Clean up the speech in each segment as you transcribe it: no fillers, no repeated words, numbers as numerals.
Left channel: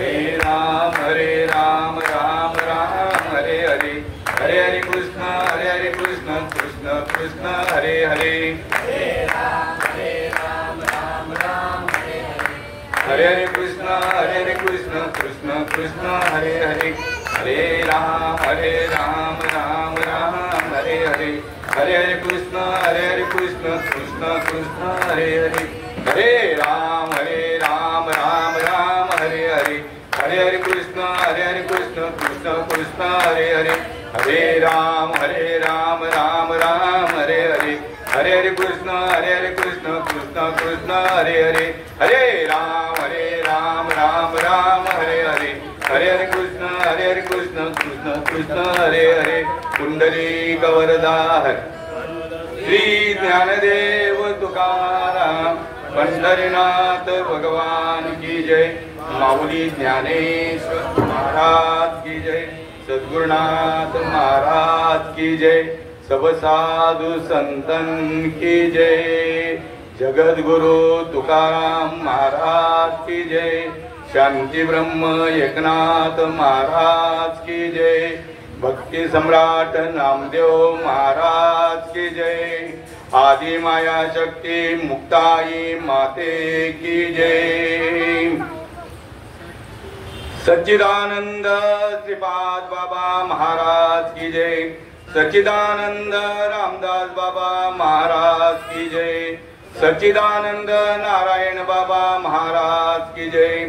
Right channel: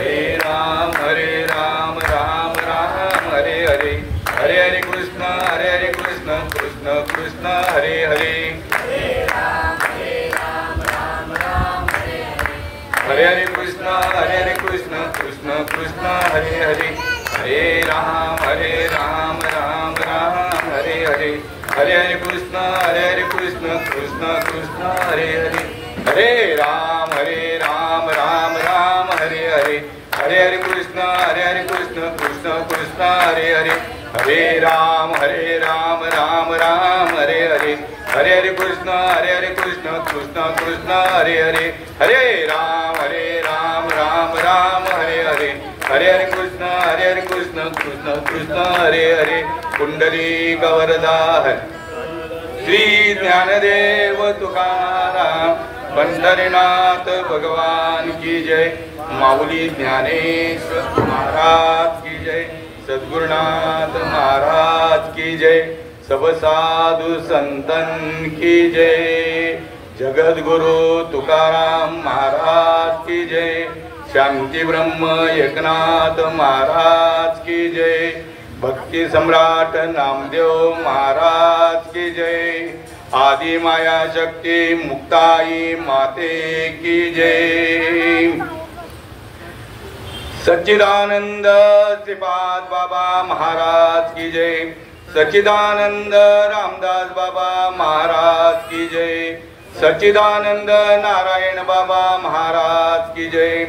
हरे राम राम राम हरे हरे, हरे हरे कृष्ण कृष्ण कृष्ण हरे हरे, हरे राम राम राम हरे हरे, हरे हरे कृष्ण कृष्ण कृष्ण हरे हरे, हरे राम राम राम हरे हरे, हरे हरे कृष्ण कृष्ण कृष्ण हरे हरे, हरे राम राम राम हरे हरे, हरे हरे कृष्ण कृष्ण कृष्ण हरे हरे, हरे राम राम हरे हरे, हरे हरे कृष्ण कृष्ण कृष्ण हरे हरे, हरे राम राम हरे हरे, हरे हरे कृष्ण कृष्ण कृष्ण हरे हरे। कुंडली गवरदा है श्री ज्ञानदेव तुकाराम, पंढरीनाथ भगवान की जय, माऊली ज्ञानेश्वर महाराज की जय, सद्गुरुनाथ महाराज की जय, सब साधु संतन की जय, जगद्गुरु तुकाराम महाराज की जय, शांती ब्रह्म एकनाथ महाराज की जय, भक्ति सम्राट नामदेव महाराज की जय, आदि माया शक्ति मुक्ताई माते की जय, सच्चिदानंद श्रीपाद बाबा महाराज की जय, सच्चिदानंद रामदास बाबा महाराज की जय, सच्चिदानंद नारायण बाबा महाराज की जय,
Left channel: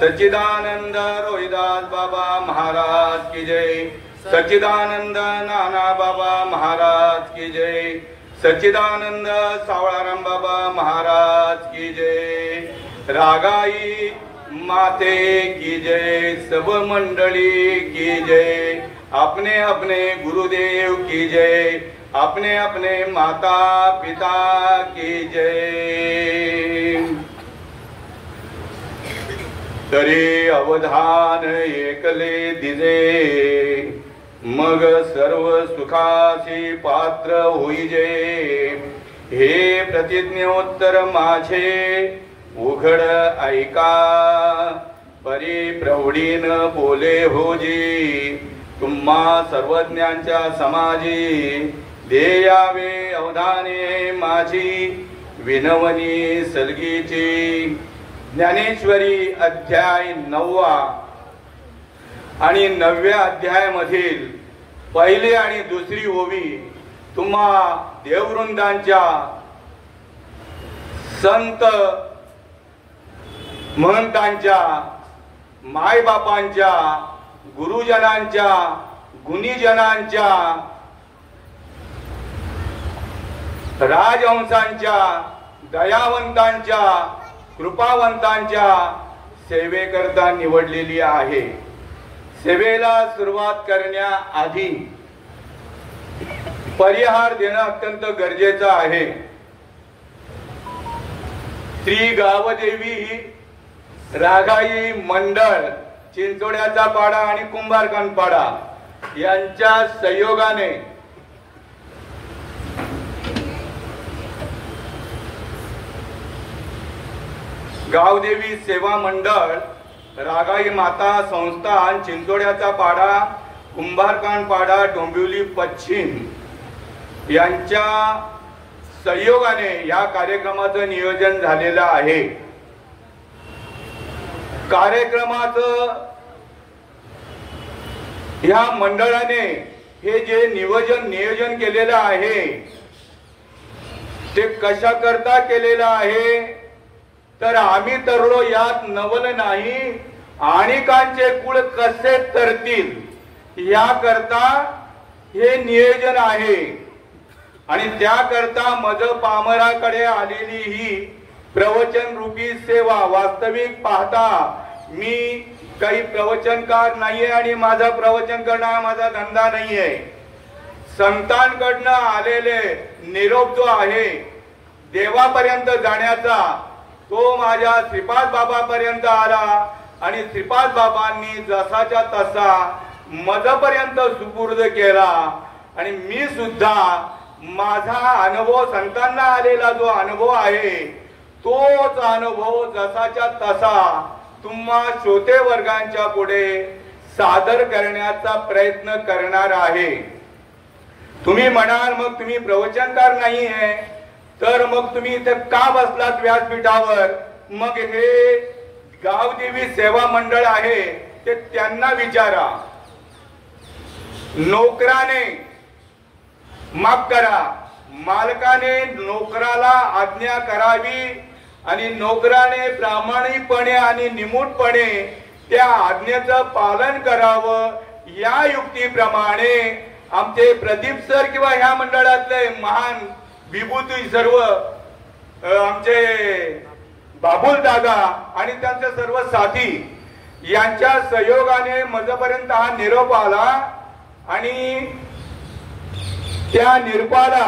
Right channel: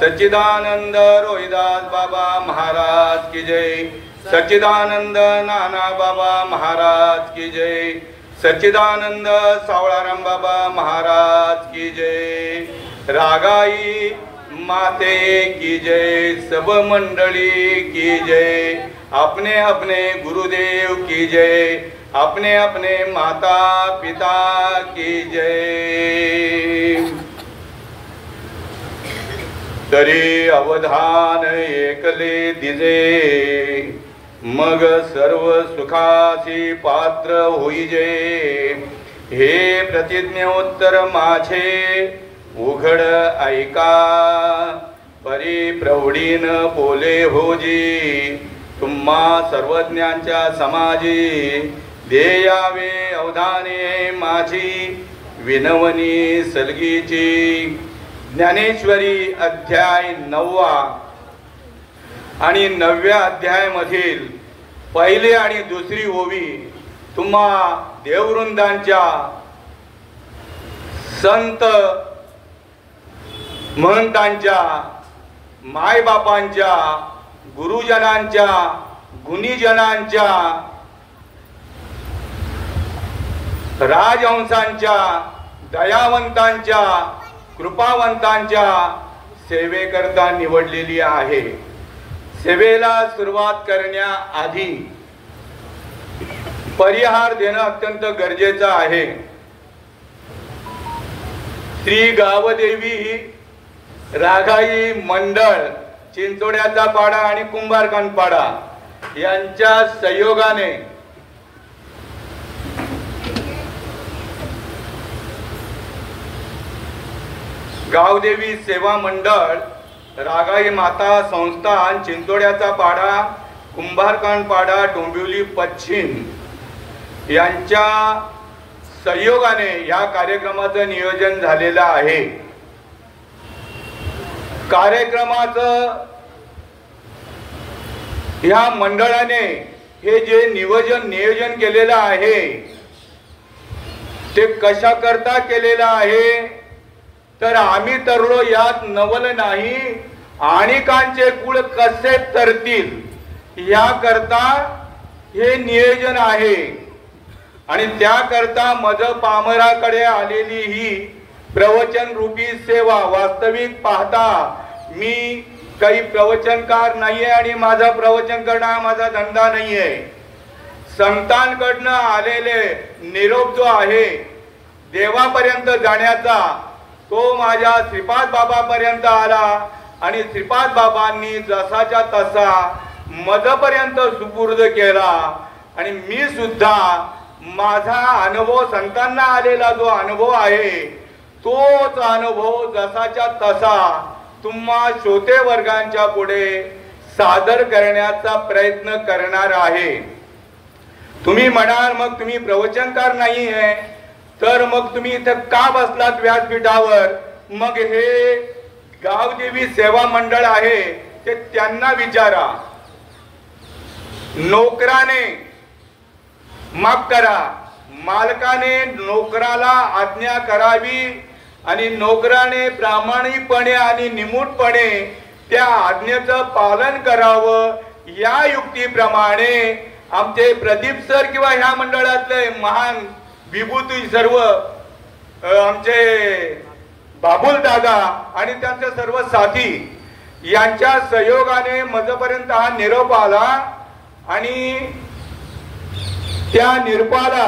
सच्चिदानंद रोहिदास बाबा महाराज की जय, सच्चिदानंद नाना बाबा महाराज की जय, सच्चिदानंद सावळाराम बाबा महाराज की जय, रागाई माते की जय, सब मंडली की जय, अपने अपने गुरुदेव की जय, अपने अपने माता पिता की जय। तरी अवधान एकले दिजे, मग सर्व सुखासी पात्र होईजे, हे प्रतिज्ञोत्तर माझे उघड ऐका, परी प्रौढीन बोले होजी, तुम्हा सर्वज्ञांच्या समाजी, देयावे अवधाने माझी विनवनी सलगीची। ज्ञानेश्वरी अध्याय 9 आणि 9व्या अध्यायामधील पहिली आणि दुसरी ओवी तुम्हा देववृंदांच्या संत महंतांच्या मायबापांच्या गुरुजनांच्या गुणीजनांच्या राजहंसांच्या दयावंतांच्या कृपावंतांच्या सेवेकरता निवडलेली आहे। सेवेला सुरुवात करण्याआधी परिहार देणं अत्यंत गरजेचं आहे। श्री गावदेवी राघाई मंडळ चिंचोड्याचा पाडा आणि कुंभारखान पाडा यांच्या सहयोगाने गावदेवी सेवा मंडळ, रागाई माता संस्थान, चिंचोड्याचा पाडा, कुंभारखान पाडा, डोंबिवली पश्चिम यांच्या सहयोगाने या कार्यक्रमाचं नियोजन झालेलं आहे। कार्यक्रमाचं या मंडळाने हे जे नियोजन केलेलं आहे ते कशा करता केलेलं आहे, तर आम्ही तरलो यात नवल नाही, आणिकांचे कुळ कसे तरतील या करता हे नियोजन आहे। आणि त्याकरता मज पामराकडे आलेली ही प्रवचन रूपी सेवा, वास्तविक पाहता मी काही प्रवचनकार नाहीये आणि माझा प्रवचन करणं माझा धंदा नाहीये। संतांकडनं आलेले निरोप जो आहे देवापर्यंत जाण्याचा, तो माझ्या श्रीपाद बाबापर्यंत आला आणि श्रीपाद बाबांनी जसाच्या तसा मजपर्यंत सुपूर्द केला। आणि मी सुद्धा माझा अनुभव, संतांना आलेला जो अनुभव आहे तोच अनुभव जसाच्या तसा तुम्हा श्रोते वर्गांच्या पुढे सादर करण्याचा प्रयत्न करणार आहे. तुम्ही म्हणाल मग तुम्ही प्रवचनकार नाही आहे तर मग तुम्ही इथे का बसलात व्यासपीठावर? मग हे गावदेवी सेवा मंडळ आहे ते त्यांना विचारा. नोकराने माफ करा, मालकाने नोकराला आज्ञा करावी आणि नोकराने प्रामाणिकपणे आणि निमूटपणे त्या आज्ञेचं पालन करावं. या युक्तीप्रमाणे आमचे प्रदीप सर किंवा ह्या मंडळातले महान विभूती सर्व आमचे बाबुल दादा आणि त्यांचे सर्व साथी यांच्या सहयोगाने माझ्यापर्यंत हा निरोप आला आणि त्या निरोपाला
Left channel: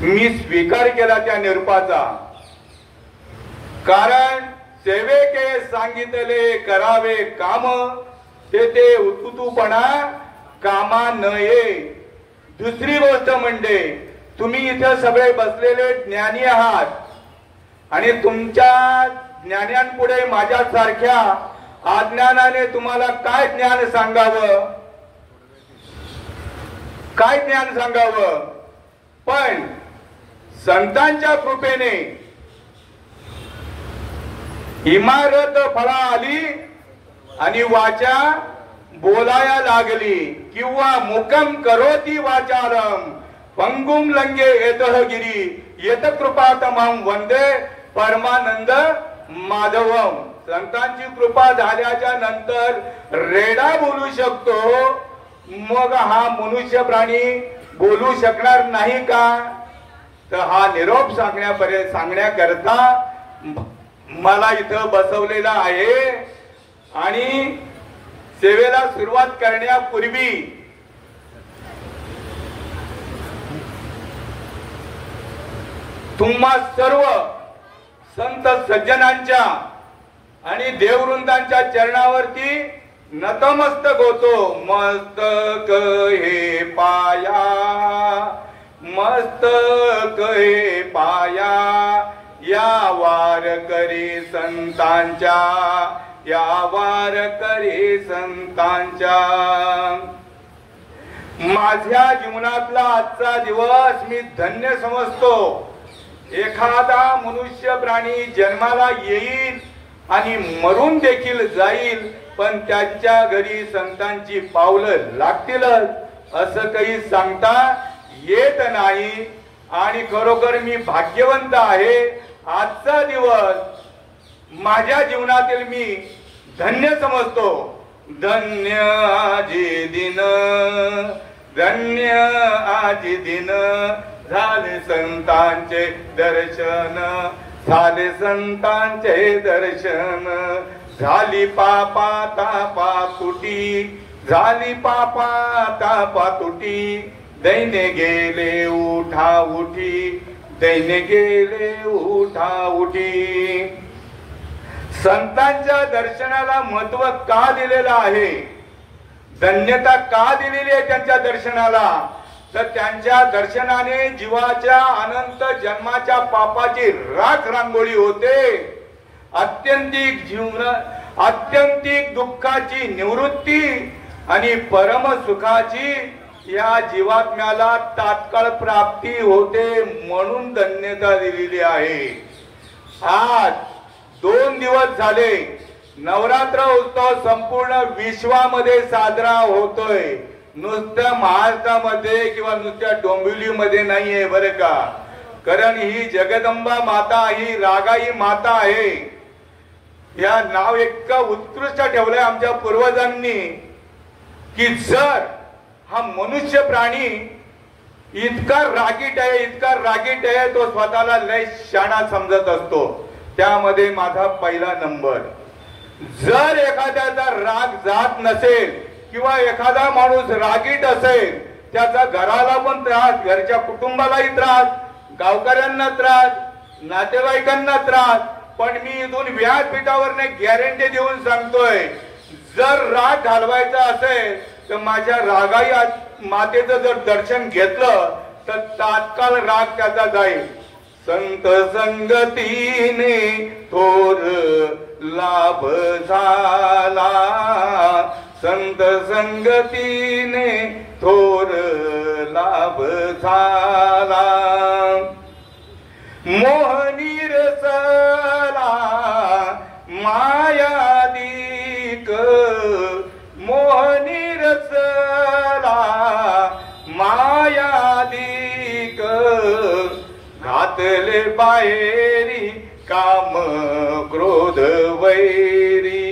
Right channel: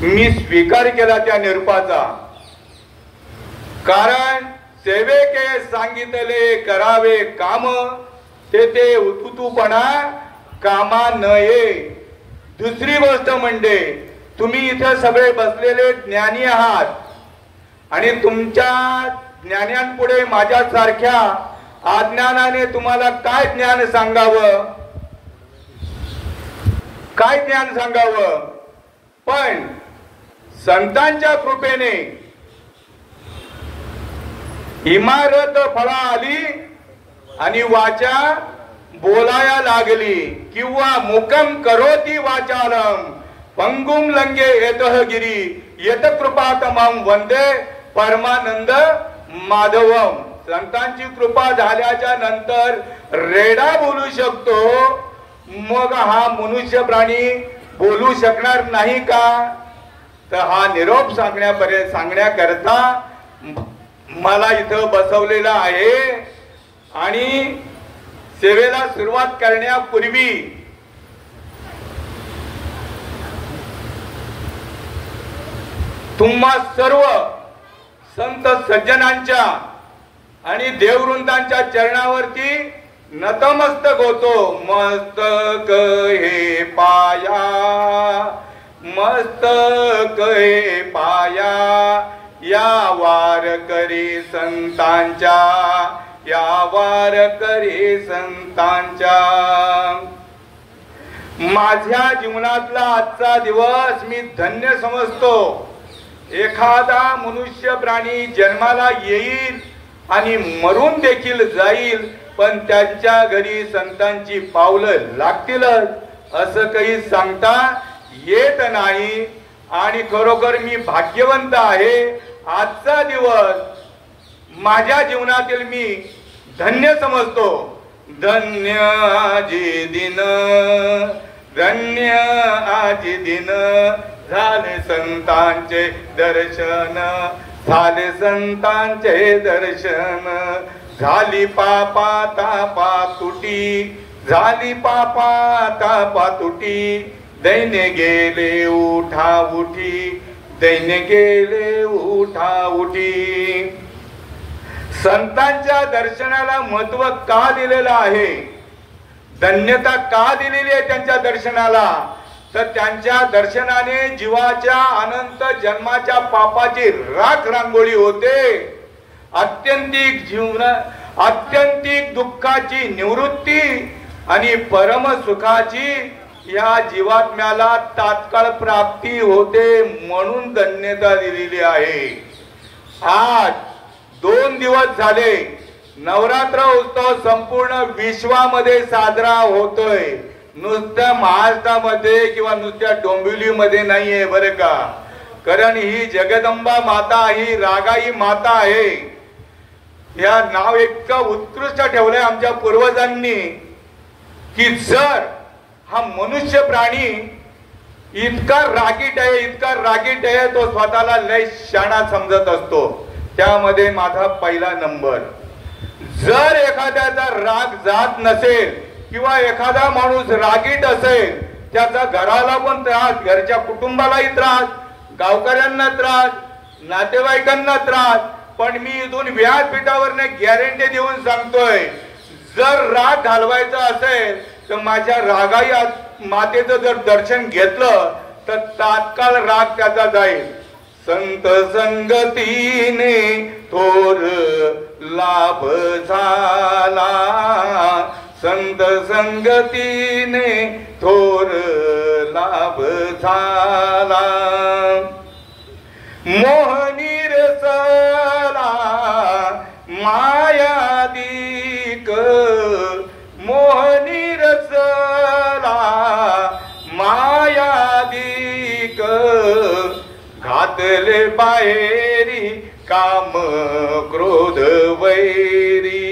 मी स्वीकार केला. त्या निरोपाचा कारण सेवेके सांगितले करावे काम ते उतुतूपणा कामा नये. दुसरी गोष्ट म्हणजे तुम्ही इथे सगळे बसलेले ज्ञानी आहात आणि तुमच्या ज्ञानांपुढे माझ्यासारख्या अज्ञानाने तुम्हाला काय ज्ञान सांगावं, काय ज्ञान सांगावं. पण संतांच्या कृपेने इमारत फळा आली आणि वाचा बोलाया लागली किंवा मुकम करोती वाचालम पंगुम लंगे येतः गिरी येत कृपा तमाम वंदे परमानंद माधवम. संतांची कृपा झाल्याच्या नंतर रेडा बोलू शकतो, मग हा मनुष्य प्राणी बोलू शकणार नाही का? तर हा निरोप सांगण्याकरता मला इथं बसवलेला आहे. आणि सेवेला सुरुवात करण्यापूर्वी तुम्हा सर्व संत सज्जनांच्या आणि देववृंदांच्या चरणावरती नतमस्तक होतो. मस्तक हे पाया, मस्तक हे पाया या वारकरी संतांच्या, या वारकरी संतांच्या. माझ्या जीवनातला आजचा दिवस मी धन्य समजतो. एखादा मनुष्य प्राणी जन्माला येईल आणि मरून देखील जाईल, पण त्यांच्या घरी संतांची पावलं लागतीलच असं काही सांगता येत नाही. आणि खरोखर मी भाग्यवंत आहे. आजचा दिवस माझ्या जीवनातील मी धन्य समजतो. धन्य आजी दिन, धन्य आजी दिन झाले संतांचे दर्शन, झाले संतांचे दर्शन. झाली पापा तापा तुटी, झाली पापा तापा तुटी. दैन्य गेले उठा उठी, दैन्य गेले उठा उठी. संतांच्या दर्शनाला महत्व का दिलेलं आहे, धन्यता का दिलेली आहे त्यांच्या दर्शनाला? तर त्यांच्या दर्शनाने जीवाच्या अनंत जन्माच्या पापाची राख रांगोळी होते. आत्यंतिक जीवनात आत्यंतिक दुःखाची निवृत्ती आणि परम सुखाची या जीवात्म्याला तात्काळ प्राप्ती होते. म्हणून धन्यता दिलेली आहे. आज 2 दिवस झाले नवरात्र उत्सव संपूर्ण विश्वामध्ये साजरा होतोय. नुसत्या महाराष्ट्रामध्ये किंवा नुसत्या डोंबिवलीमध्ये नाहीये बरं का. कारण ही जगदंबा माता, ही रागाई माता आहे. या नाव इतकं उत्कृष्ट ठेवलंय आमच्या पूर्वजांनी की जर हा मनुष्य प्राणी इतका रागीट आहे, इतका रागीट आहे, तो स्वतःला लय शाणा समजत असतो. त्यामध्ये माझा पहिला नंबर. जर एखाद्याचा राग जात नसेल किंवा एखादा माणूस रागीट असेल, त्याचा घराला पण त्रास, घरच्या कुटुंबालाही त्रास, गावकऱ्यांना त्रास, नातेवाईकांना त्रास. पण मी इथून व्यासपीठावरने गॅरंटी देऊन सांगतोय, जर राग घालवायचा असेल तर माझ्या रागाई मातेचं जर दर्शन घेतलं तर तात्काळ राग त्याचा जाईल. संत संगतीने थोर लाभ झाला, संत संगतीने थोर लाभ झाला. मोहनी रसला मायादिक, मोहनी रसला मायादिक, घातले बाहेरी काम क्रोध वैरी,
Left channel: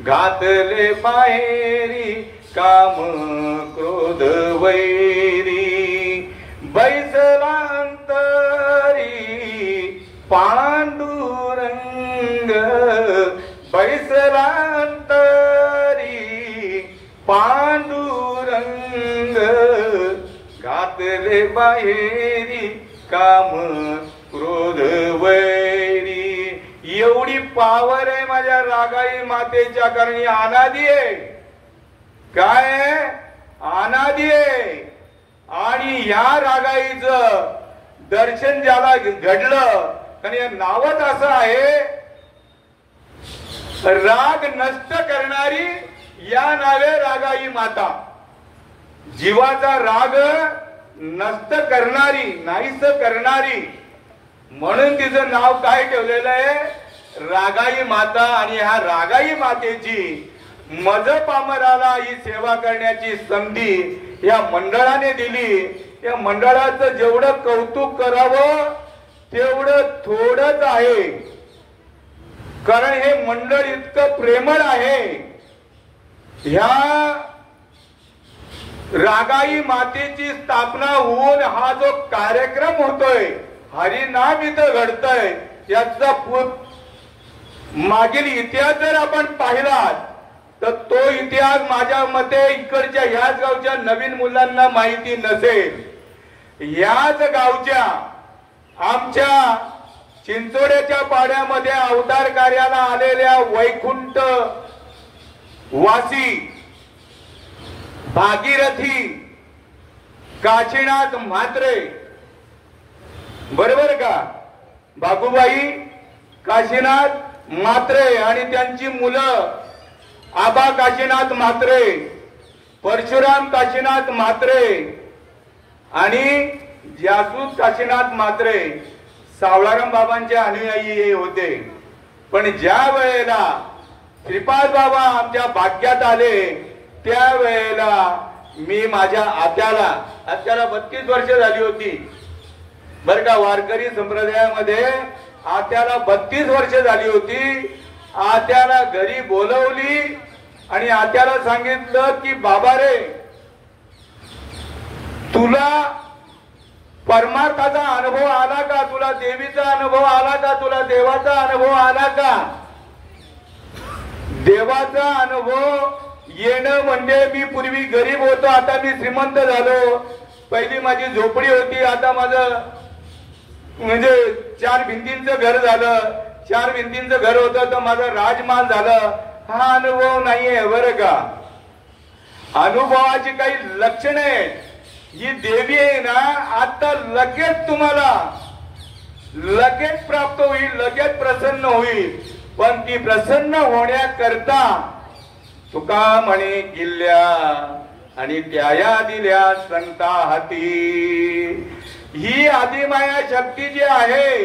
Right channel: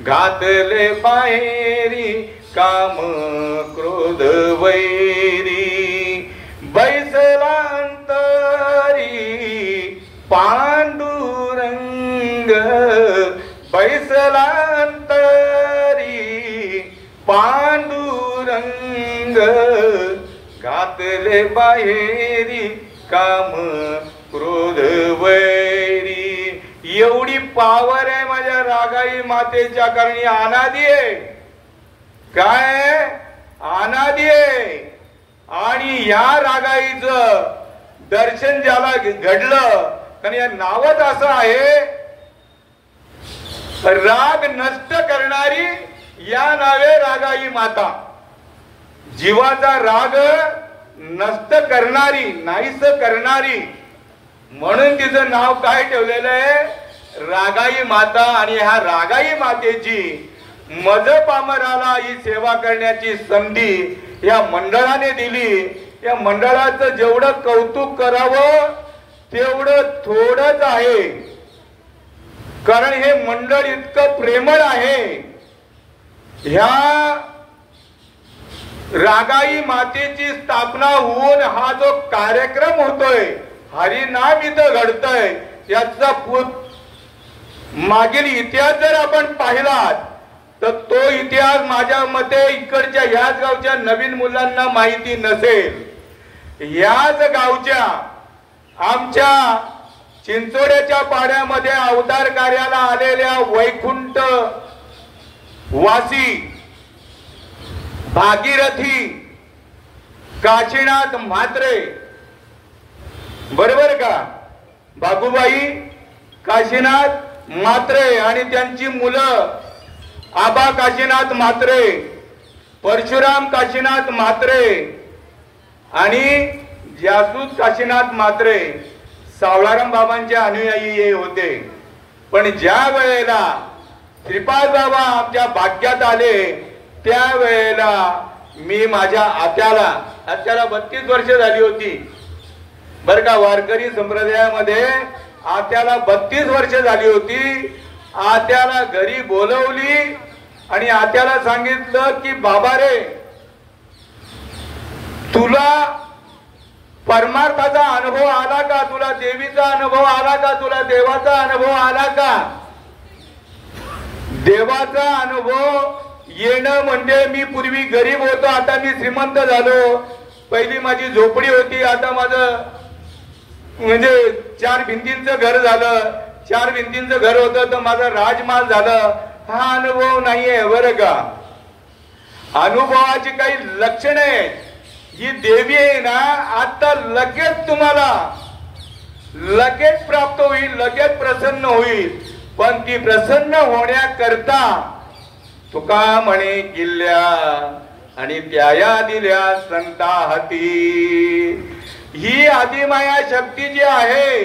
घातले बाहेरी काम क्रोध वैरी. बैसला पांडुरंग, बैसला अंतरी पांडुरंग, घातले बाहेरी काम क्रोध वैरी. एवढी पावर आहे माझ्या रागाई मातेच्या, कारण ही अनादी आहे. काय अनादी आहे. आणि या रागाईचं दर्शन ज्याला घडलं, कारण या नावच असं आहे, राग नष्ट करणारी या नावे रागाई माता. जीवाचा राग नष्ट करणारी, नाहीस करणारी, म्हणून तिचं नाव काय ठेवलेलं आहे, रागाई माता. आणि ह्या रागाई मातेची मज पामराला ही सेवा करण्याची संधी या मंडळाने दिली. या मंडळाचं जेवढं कौतुक करावं तेवढं थोडंच आहे, कारण हे मंडळ इतकं प्रेमळ आहे. ह्या रागाई मातेची स्थापना होऊन हा जो कार्यक्रम होतोय, हरिनाम इथं घडतंय, याचा मागील इतिहास जर आपण पाहिलात तर तो इतिहास माझ्या मते इकडच्या ह्याच गावच्या नवीन मुलांना माहिती नसेल. याच गावच्या आमच्या चिंचोड्याच्या पाड्यामध्ये अवतार कार्याला आलेल्या वैकुंठ वासी भागीरथी काशीनाथ म्हात्रे, बरोबर का, बाबूबाई काशीनाथ म्हात्रे आणि त्यांची मुलं आबा काशीनाथ म्हात्रे, परशुराम काशीनाथ म्हात्रे आणि जासूद काशीनाथ म्हात्रे सावळाराम बाबांचे अनुयायी होते. पण ज्या वेळेला श्रीपाद बाबा आमच्या भाग्यात आले त्यावेळेला मी माझ्या आत्याला 32 वर्ष झाली होती बर का, वारकरी संप्रदायामध्ये आत्याला 32 वर्ष झाली होती. आत्याला घरी बोलवली आणि आत्याला सांगितलं की बाबा रे, तुला परमार्थाचा अनुभव आला का, तुला देवीचा अनुभव आला का, तुला देवाचा अनुभव आला का. देवाचा अनुभव येणं म्हणजे मी पूर्वी गरीब होतो, आता मी श्रीमंत झालो. पहिली माझी झोपडी होती, आता माझं म्हणजे 4 भिंतींचं घर झालं. 4 भिंतींचं घर होतं तर माझा राजमाल झालं. हा अनुभव नाहीये बरं का. अनुभवाची काही लक्षणे आहेत. ही देवी आहे ना, आता लगेच तुम्हाला लगेच प्राप्त होईल, लगेच प्रसन्न होईल. पण ती प्रसन्न होण्याकरता तुका म्हणे किल्ल्या आणि त्याया दिल्या संता हाती. ही आदिमाया शक्ती जी आहे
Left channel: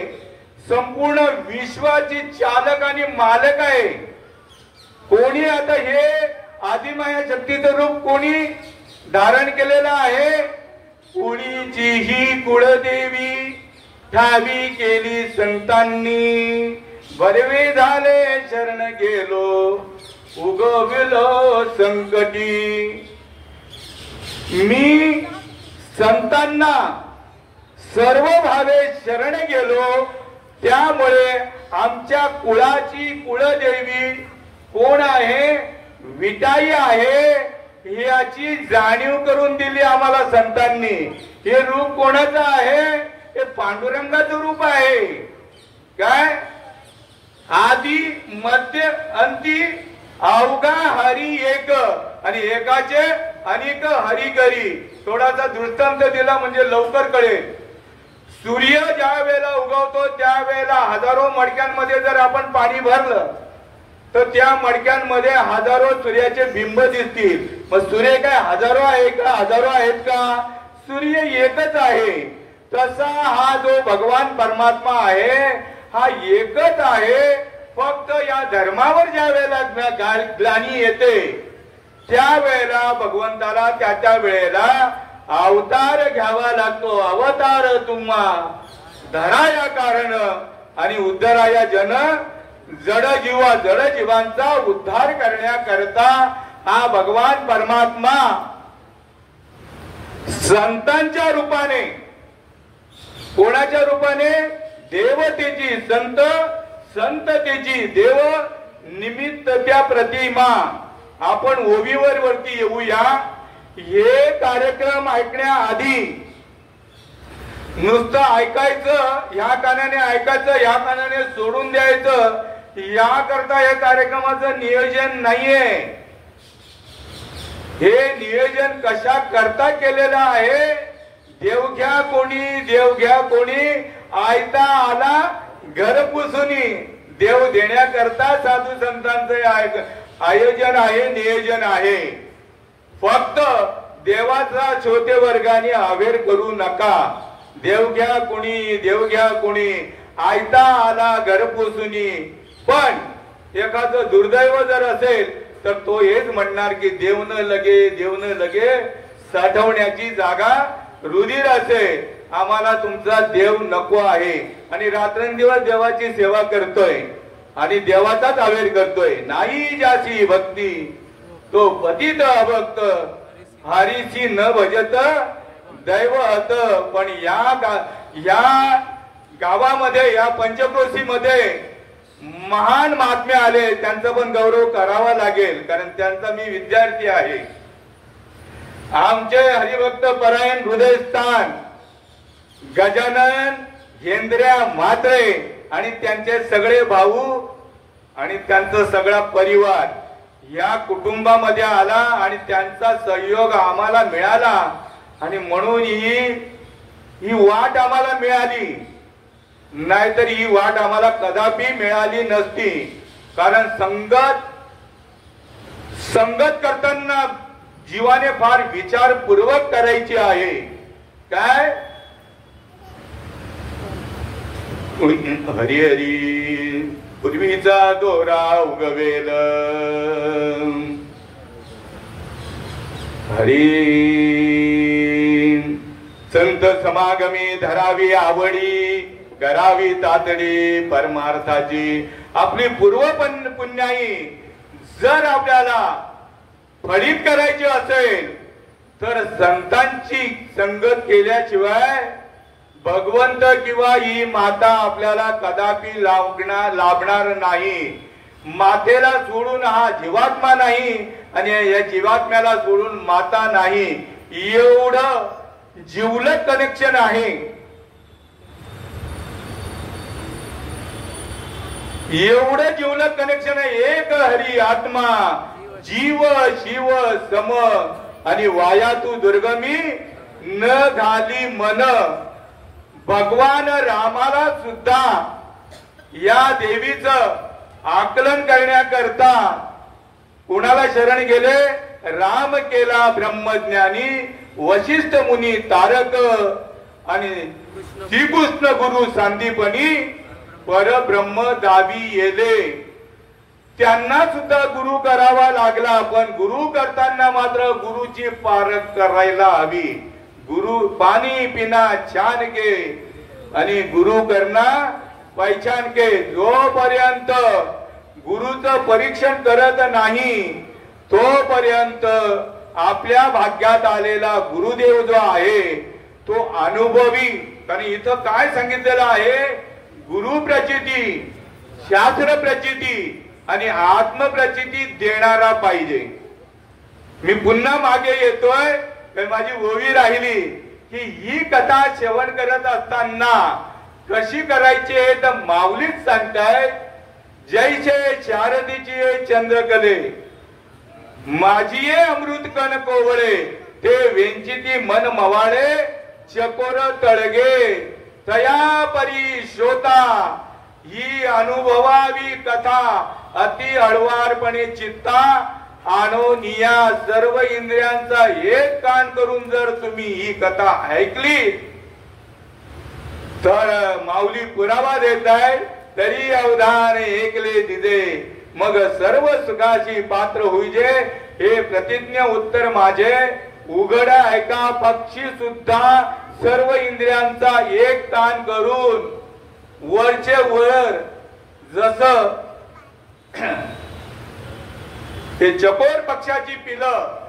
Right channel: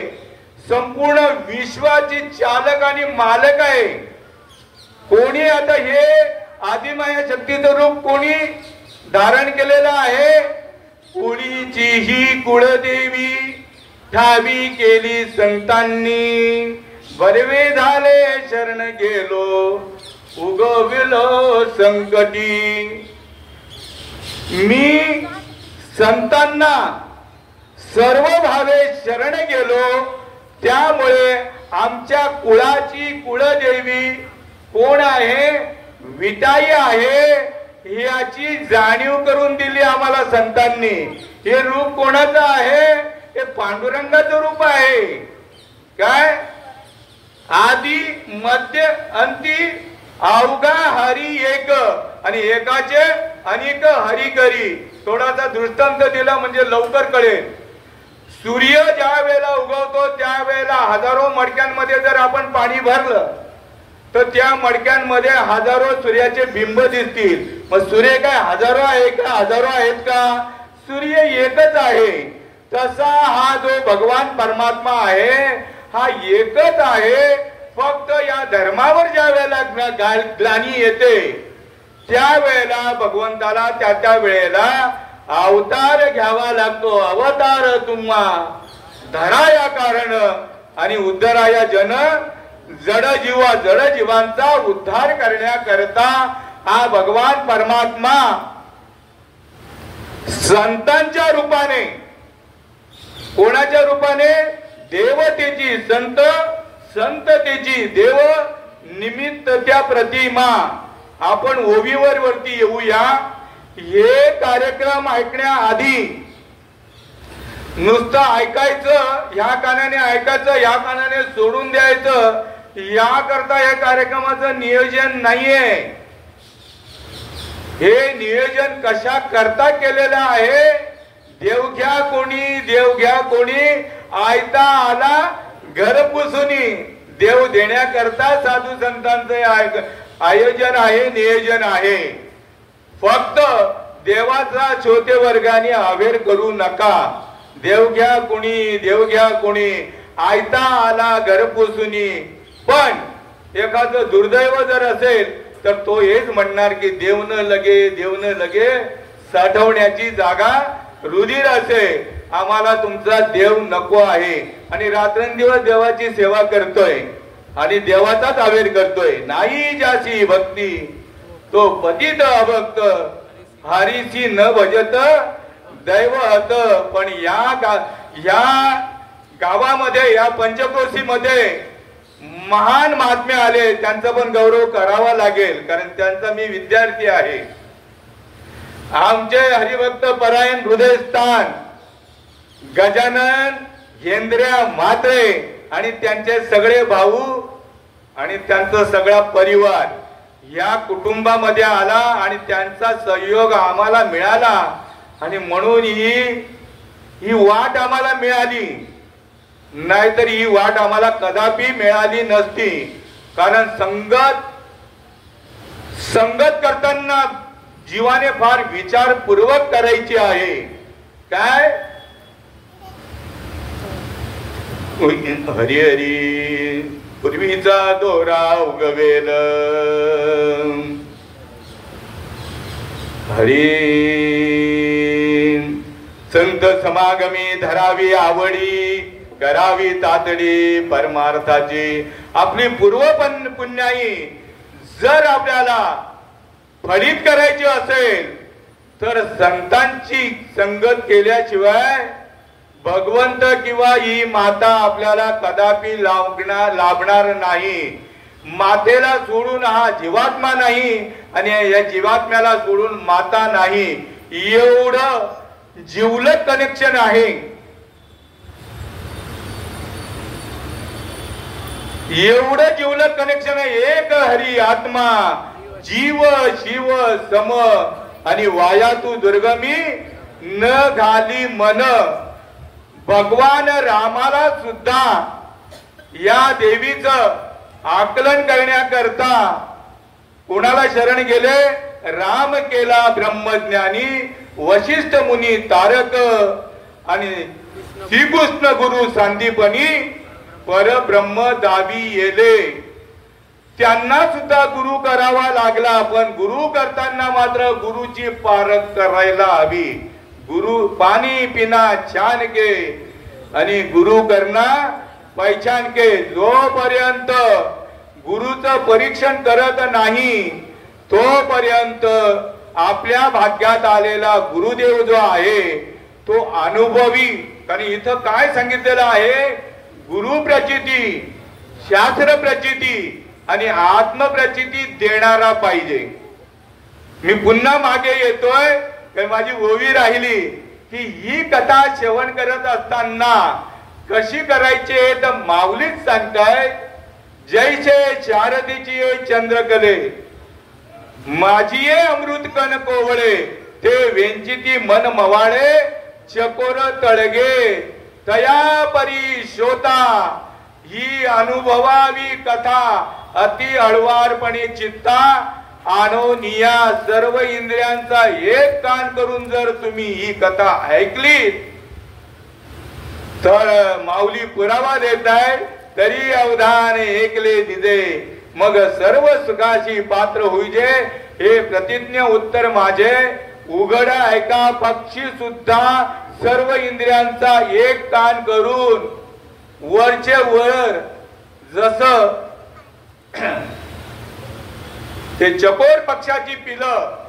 संपूर्ण विश्वाची चालक आणि मालक आहे. कोणी आता हे आदिमाया शक्तीचं रूप कोणी धारण केलेलं आहे, कुणीची ही कुळदेवी ठावी केली संतांनी. बरवे झाले शरण गेलो उगविलो संकटी. मी संतांना सर्व भावे शरण गेलो, त्यामुळे आमच्या कुळाची कुळदेवी कोण आहे, विटाई आहे याची जाणीव करून दिली आम्हाला संतांनी. हे रूप कोणाचं आहे, हे पांडुरंगाचं रूप आहे. काय आदि मध्य अंती अवघा हरी एक आणि एकाचे अनेक हरी करी. थोडासा दृष्टांत दिला म्हणजे लवकर कळेल. सूर्य ज्या वेळेला उगवतो त्यावेळेला हजारो मडक्यांमध्ये जर आपण पाणी भरलं तर त्या मडक्यांमध्ये हजारो सूर्याचे बिंब दिसतील. मग सूर्य काय हजारो आहे का? हजारो आहेत का? सूर्य एकच आहे. तसा हा जो भगवान परमात्मा आहे हा एकच आहे. फक्त या धर्मावर ज्या वेळेला ग्लानी येते त्यावेळेला भगवंताला त्या वेळेला अवतार घ्यावा लागतो. अवतार तुम्हा धराया कारण आणि उद्धराया जन जड जीवांचा उद्धार करण्याकरता हा भगवान परमात्मा संतांच्या रूपाने, कोणाच्या रूपाने? देवतेची, संततेची, देव निमित्त त्या प्रतिमा. आपण ओवीवर वरती येऊया. हे कार्यक्रम ऐकण्याआधी नुसतं ऐकायचं, ह्या कानाने ऐकायचं, ह्या कानाने सोडून द्यायचं, याकरता हे कार्यक्रमाचं नियोजन नाहीये. हे नियोजन कशा करता केलेलं आहे? देव घ्या कोणी आयता आला घर पुसुनी. देव देण्याकरता साधू संतांचे आयोजन आहे, नियोजन आहे. फक्त देवाचा छोटे वर्गाने अवेर करू नका. देव घ्या कोणी आयता आला घर पुसुनी. पण एखादं दुर्दैव जर असेल तर तो हेच म्हणणार की देव न लगे साठवण्याची जागा रुधिर असे. आम्हाला तुमचा देव नको आहे. आणि रात्रंदिवस देवाची सेवा करतोय आणि देवाचाच आवेर करतोय. नाही ज्याची भक्ती तो पतित अभक्त, हरीची न भजत दैवत. पण या गावामध्ये, या पंचक्रोशी मध्ये महान महात्मे आले, त्यांचा पण गौरव करावा लागेल, कारण त्यांचा मी विद्यार्थी आहे. आमचे हरिभक्त परायण हृदयस्थान गजानन हेंद्र्या म्हात्रे आणि त्यांचे सगळे भाऊ आणि त्यांचा सगळा परिवार या कुटुंबामध्ये आला आणि त्यांचा सहयोग आम्हाला मिळाला. आणि म्हणून ही वाट आम्हाला मिळाली, नाहीतर ही वाट आम्हाला कदापि मिळाली नसती. कारण संगत करताना जीवाने फार विचारपूर्वक करायची आहे. काय? हरी हरी पूर्वीचा दोरा उगवेल, हरी संत समागमी धरावी आवडी, करावी तातडी परमार्थाची. आपली पूर्व पुण्याई जर आपल्याला फलित करायची असेल तर संतांची संगत केल्याशिवाय भगवंत किंवा ही माता आपल्याला कदापि लाभणार नाही. मातेला सोडून हा जीवात्मा नाही आणि या जीवात्म्याला सोडून माता नाही. एवढं जिवलग कनेक्शन आहे. एवढं जिवलग कनेक्शन आहे. एक हरी आत्मा जीव शिव सम आणि वायातू दुर्गमी न घाली मन. भगवान रामाला सुद्धा या देवीचं आकलन करण्याकरता कोणाला शरण गेले? राम केला ब्रह्मज्ञानी, वशिष्ठ मुनी तारक आणि श्रीकृष्ण गुरु सांदीपनी परब्रह्म दावी येले. त्यांना सुद्धा गुरु करावा लागला. पण गुरु करताना मात्र गुरुची पारख करायला हवी. गुरु पाणी पिना छान के आणि गुरु करना पहिचान के. जोपर्यंत गुरुचं परीक्षण करत नाही तोपर्यंत आपल्या भाग्यात आलेला गुरुदेव जो आहे तो अनुभवी. कारण इथं काय सांगितलेलं आहे? गुरु प्रचिती, शास्त्र प्रचिती आणि आत्मप्रचिती देणारा पाहिजे. मी पुन्हा मागे येतोय, माझी ओवी राहिली की ही कथा श्रवण करत असताना कशी करायची तर माऊलीच सांगताय, जैसे शारदीची चंद्रकले माझी अमृत कण कोवळे, ते वेंचिती मन मवाळे चकोर तळगे. तया परी शोता ही अनुभवावी कथा अति हळवारपणे चित्ता आणून या सर्व इंद्रियांचा एक कान करून जर तुम्ही ही कथा ऐकली तर माऊली पुरावा देत आहे तरी अवधान ऐकले दिदे मग सर्व सुखाची पात्र होईजे हे प्रतिज्ञ उत्तर माझे उघड ऐका पक्षी सुद्धा सर्व इंद्रियांचा एक ताण करून वरचे वर जस ते चकोर पक्षाची पिलं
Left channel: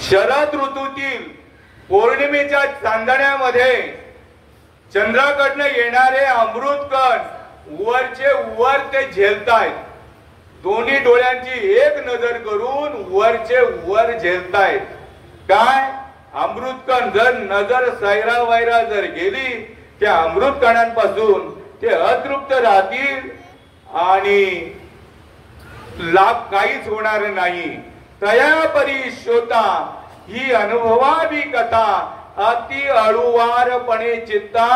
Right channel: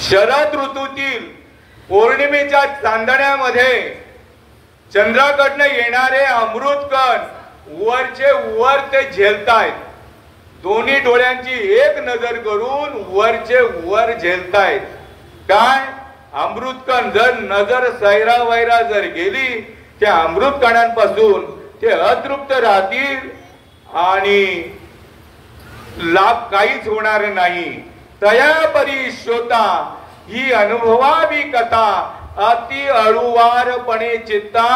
शरद ऋतूतील पौर्णिमेच्या चांदण्यामध्ये चंद्राकडनं येणारे अमृत कण वरचे वर ते झेलतायत दोन्ही डोळ्यांची एक नजर करून वरचे वर झेलतायत काय अमृत कण जर नजर सैरा वैरा जर गेली त्या अमृत कणांपासून ते अतृप्त राहतील आणि लाभ काहीच होणार नाही तया परी श्रोता ही अनुभवावी कथा अति अळुवारपणे चित्ता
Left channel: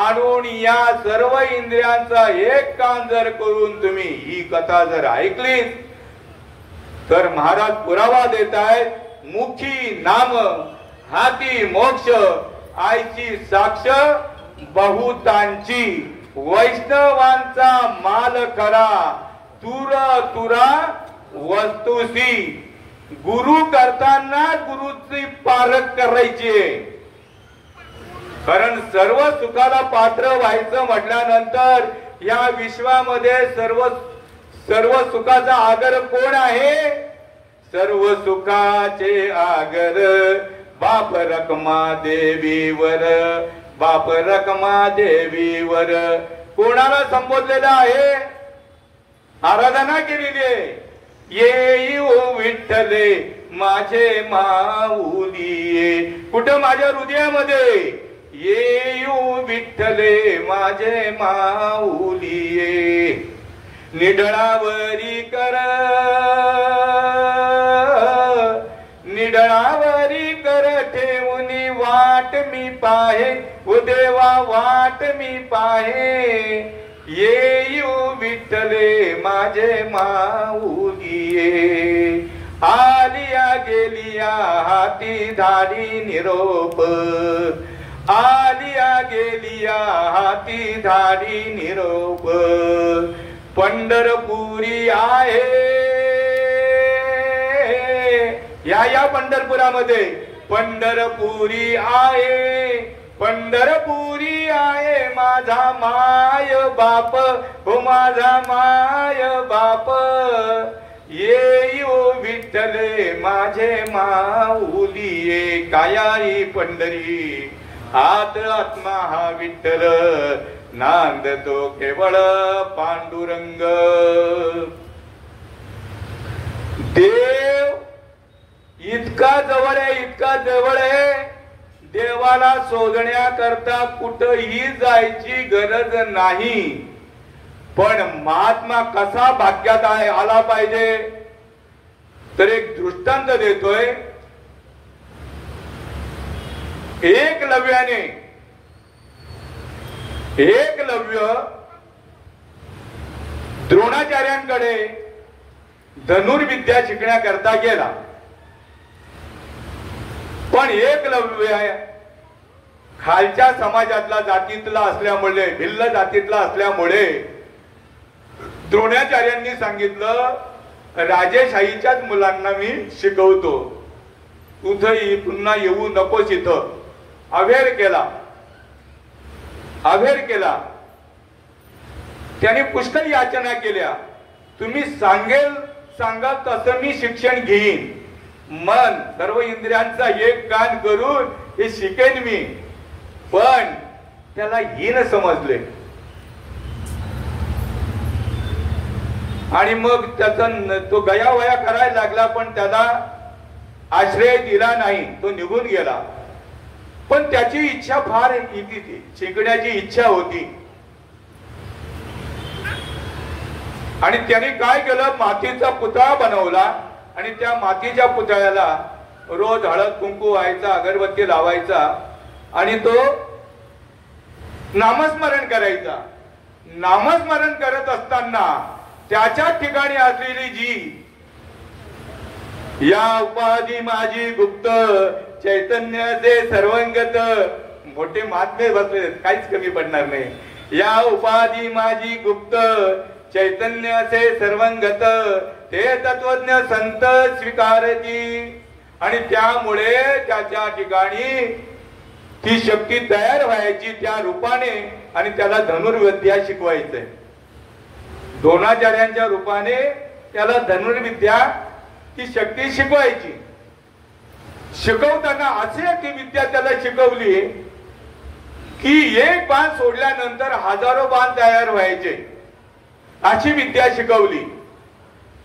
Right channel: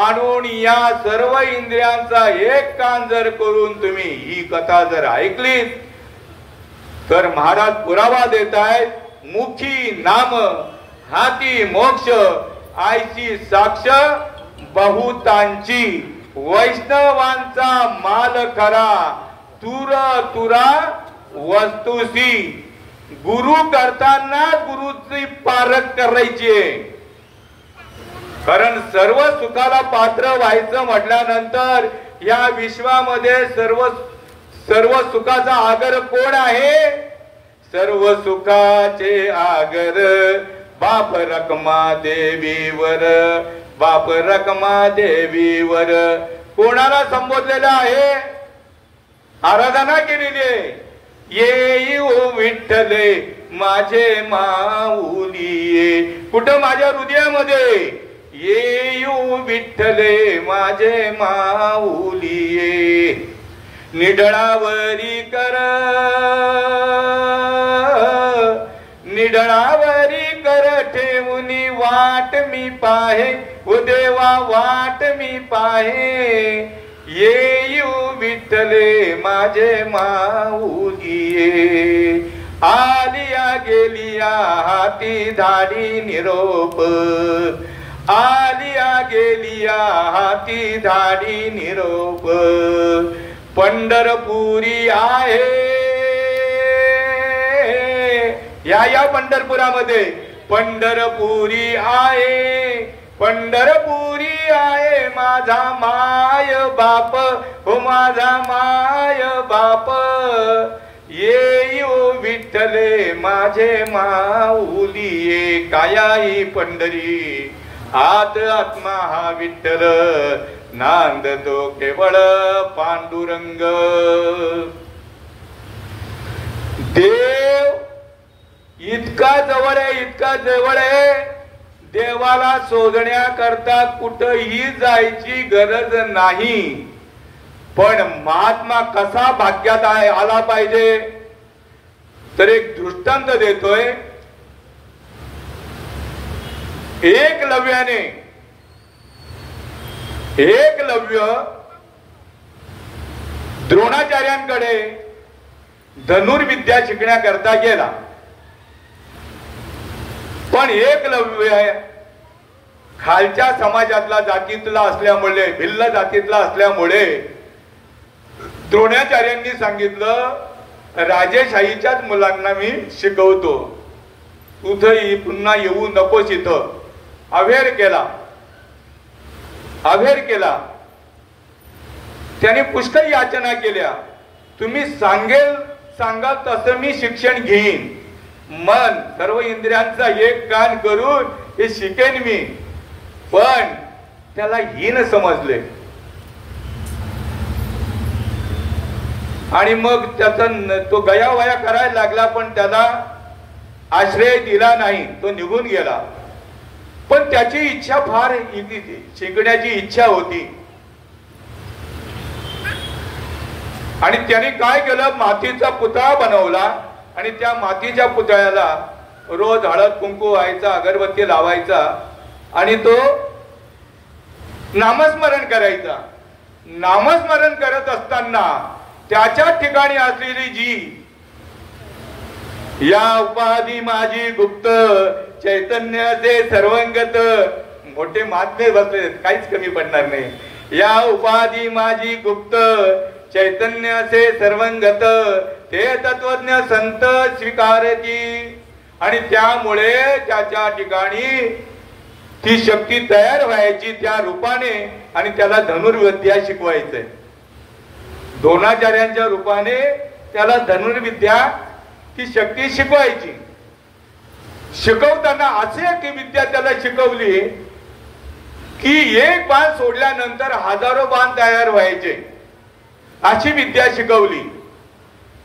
आणून या सर्व इंद्रियांचा एक कान जर करून तुम्ही ही कथा जर ऐकली तर महाराज पुरावा देत आहेत मुखी नाम हाती मोक्ष आईची साक्ष बहुतांची वैष्णवांचा माल खरा तुरा तुरा वस्तुसी गुरु करताना गुरुची पारख करायची कारण सर्व सुखाला पात्र व्हायचं म्हटल्यानंतर या विश्वामध्ये सर्व सुखाचा आगर कोण आहे सर्व सुखाचे आगर बाप रखमा देवीवर बाप रखमा देवीवर कोणाला संबोधलेलं आहे आराधना केलेली आहे ये ओ विठ्ठले माझे माऊली कुठं माझ्या हृदयामध्ये ये ओ विठ्ठले माझे माऊली निडळावरी कर निडळावरी कर ठेवूनी वाट मी पाहे ओ देवा वाट मी पाहे येऊ विठ्ठले माझे माऊली आलिया गेलिया हाती धाडी निरोप आलिया गेलिया हाती धाडी निरोप पंढरपुरी आहे या पंढरपुरामध्ये पंढरपुरी आहे पंढरपुरी आहे माझा माय बाप हो माझा माय बाप येऊ विठ्ठले माझे माऊली कायाई पंढरी आत आत्मा हा विठ्ठल नांदतो केवळ पांडुरंग देव इतका जवळ आहे इतका जवळ आहे देवाला शोधण्याकरता कुठेही जायची गरज नाही पण महात्मा कसा भाग्यात आला पाहिजे तर एक दृष्टांत देतोय एकलव्याने एकलव्य द्रोणाचार्यांकडे धनुर्विद्या शिकण्याकरता गेला पण एकलव्य खालच्या समाजातला जातीतला असल्यामुळे भिल्ल जातीतला असल्यामुळे द्रोणाचार्यांनी सांगितलं राजेशाहीच्याच मुलांना मी शिकवतो तुझं पुन्हा येऊ नकोस इथं अभेर केला त्याने पुष्कळ याचना केल्या तुम्ही सांगाल तसं मी शिक्षण घेईन मन सर्व इंद्रियांचा एक कान करून हे शिकेन मी पण त्याला हीन समजले आणि मग त्याचा तो गयावया करायला लागला पण त्याला आश्रय दिला नाही तो निघून गेला पण त्याची इच्छा फार शिकण्याची इच्छा होती आणि त्याने काय केलं मातीचा पुतळा बनवला आणि त्या मातीच्या पुतळ्याला रोज हळद कुंकू व्हायचा अगरबत्ती लावायचा आणि तो नामस्मरण करायचा. नामस्मरण करत असताना त्याच्या ठिकाणी असलेली जी या उपाधी माझी गुप्त चैतन्याचे सर्वंगत, मोठे महात्मे बसले, काहीच कमी पडणार नाही. या उपाधी माझी गुप्त चैतन्याचे सर्वंगत, ते तत्वज्ञ संत स्वीकारती. आणि त्यामुळे त्याच्या ठिकाणी ती शक्ती तयार व्हायची त्या रूपाने, आणि त्याला धनुर्विद्या शिकवायचंय. द्रोणाचार्यांच्या रूपाने त्याला धनुर्विद्या ती शक्ती शिकवायची. शिकवताना असे की विद्या त्याला शिकवली की एक बाण सोडल्यानंतर हजारो बाण तयार व्हायचे, अशी विद्या शिकवली.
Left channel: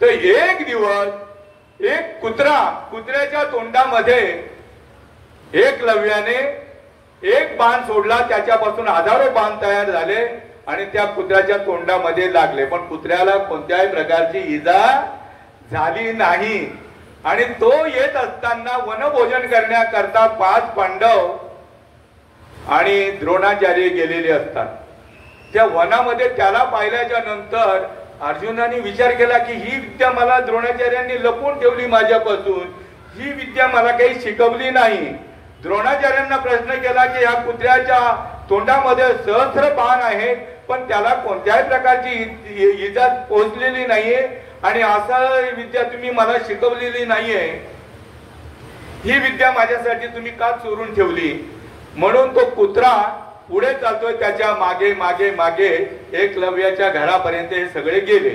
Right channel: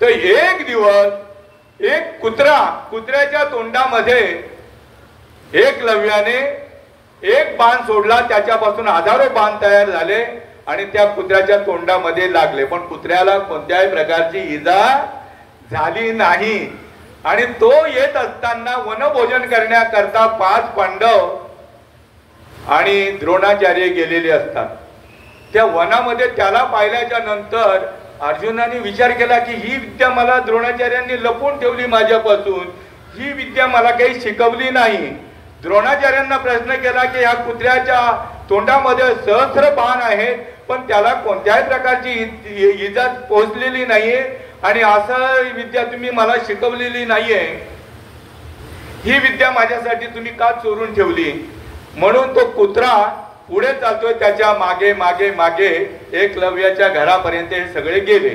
तर एक दिवस एक कुत्र्याच्या तोंडामध्ये एकलव्याने एक बाण सोडला, त्याच्यापासून हजारो बाण तयार झाले आणि त्या कुत्र्याच्या तोंडामध्ये लागले, पण कुत्र्याला कोणत्याही प्रकारची इजा झाली नाही. आणि तो येत असताना वनभोजन करण्याकरता 5 पांडव आणि द्रोणाचार्य गेलेले असतात. त्या वनामध्ये त्याला पाहिल्याच्या नंतर अर्जुनाने विचार केला की ही विद्या मला द्रोणाचार्यांनी लपवून ठेवली माझ्यापासून, ही विद्या मला काही शिकवली नाही. द्रोणाचार्यांना प्रश्न केला की ह्या कुत्र्याच्या तोंडामध्ये सहस्र बाण आहेत, पण त्याला कोणत्याही प्रकारची इजा पोहोचलेली नाहीये, आणि असं विद्या तुम्ही मला शिकवलेली नाहीये, ही विद्या माझ्यासाठी तुम्ही का चोरून ठेवली. म्हणून तो कुत्रा पुढे जातोय, त्याच्या मागे मागे मागे एकलव्याच्या घरापर्यंत हे सगळे गेले.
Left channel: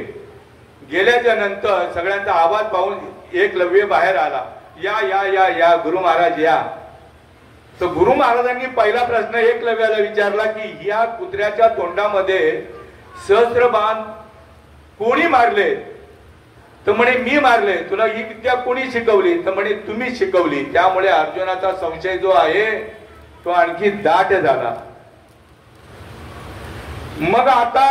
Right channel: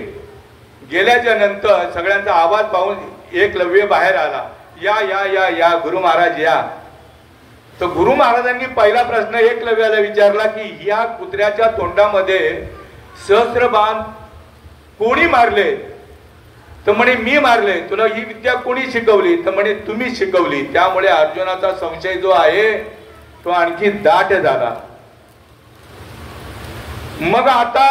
गेल्याच्या नंतर सगळ्यांचा आवाज पाहून एकलव्य बाहेर आला, या या या या गुरु महाराज या. तर गुरु महाराजांनी पहिला प्रश्न एकलव्याला विचारला की या कुत्र्याच्या तोंडामध्ये सहस्र बाण कोणी मारले. तर म्हणे मी मारले. तुला ही विद्या कोणी शिकवली. तर म्हणे तुम्ही शिकवली. त्यामुळे अर्जुनाचा संशय जो आहे तो आणखी दाट झाला. मग आता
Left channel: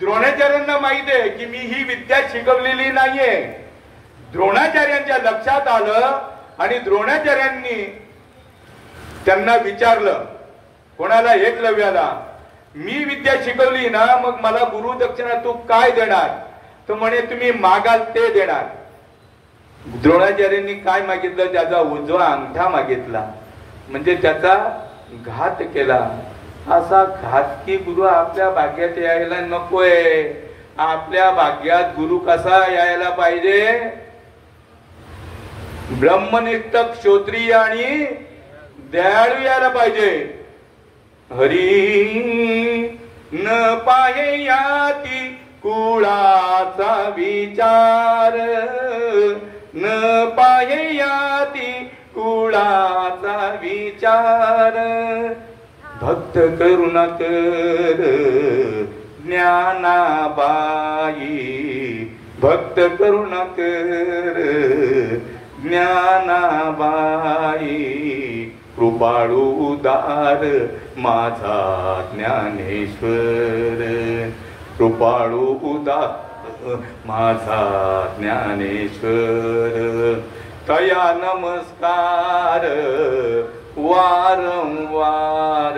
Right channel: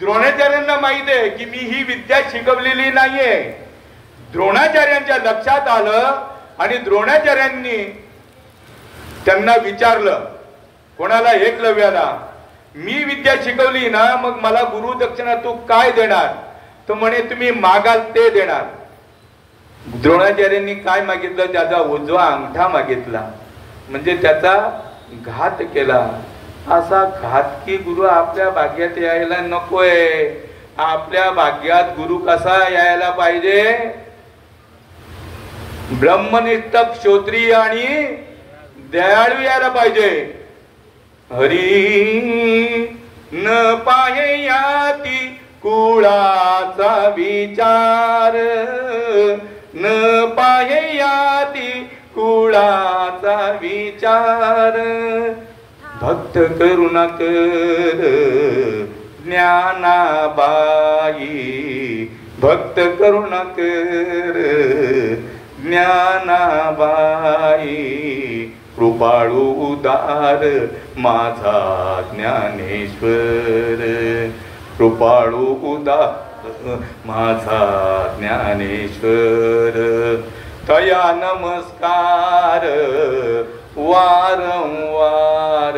द्रोणाचार्यांना माहित आहे की मी ही विद्या शिकवलेली नाहीये. द्रोणाचार्यांच्या लक्षात आलं आणि द्रोणाचार्यांनी त्यांना विचारलं, कोणाला, एकलव्याला, मी विद्या शिकवली ना, मग मला गुरु दक्षिणा तू काय देणार. तर म्हणे तुम्ही मागाल ते देणार. द्रोणाचार्यांनी काय मागितलं, त्याचा उजवा अंगठा मागितला, म्हणजे त्याचा घात केला. असा घातकी गुरु आपल्या भाग्यात यायला नकोय. आपल्या भाग्यात गुरु कसा यायला पाहिजे, ब्रह्मनिष्ठ क्षत्रिय आणि दयाळू यायला पाहिजे. हरी न पाहे याती कुळाचा विचार, न पाहे याती कुळाचा विचार, भक्त करुणा कर ज्ञानाबाई, भक्त करुणा कर ज्ञानाबाई, कृपाळू उदार माझा ज्ञानेश्वर, कृपाळू उदार माझा ज्ञानेश्वर, तया नमस्कार वारंवार,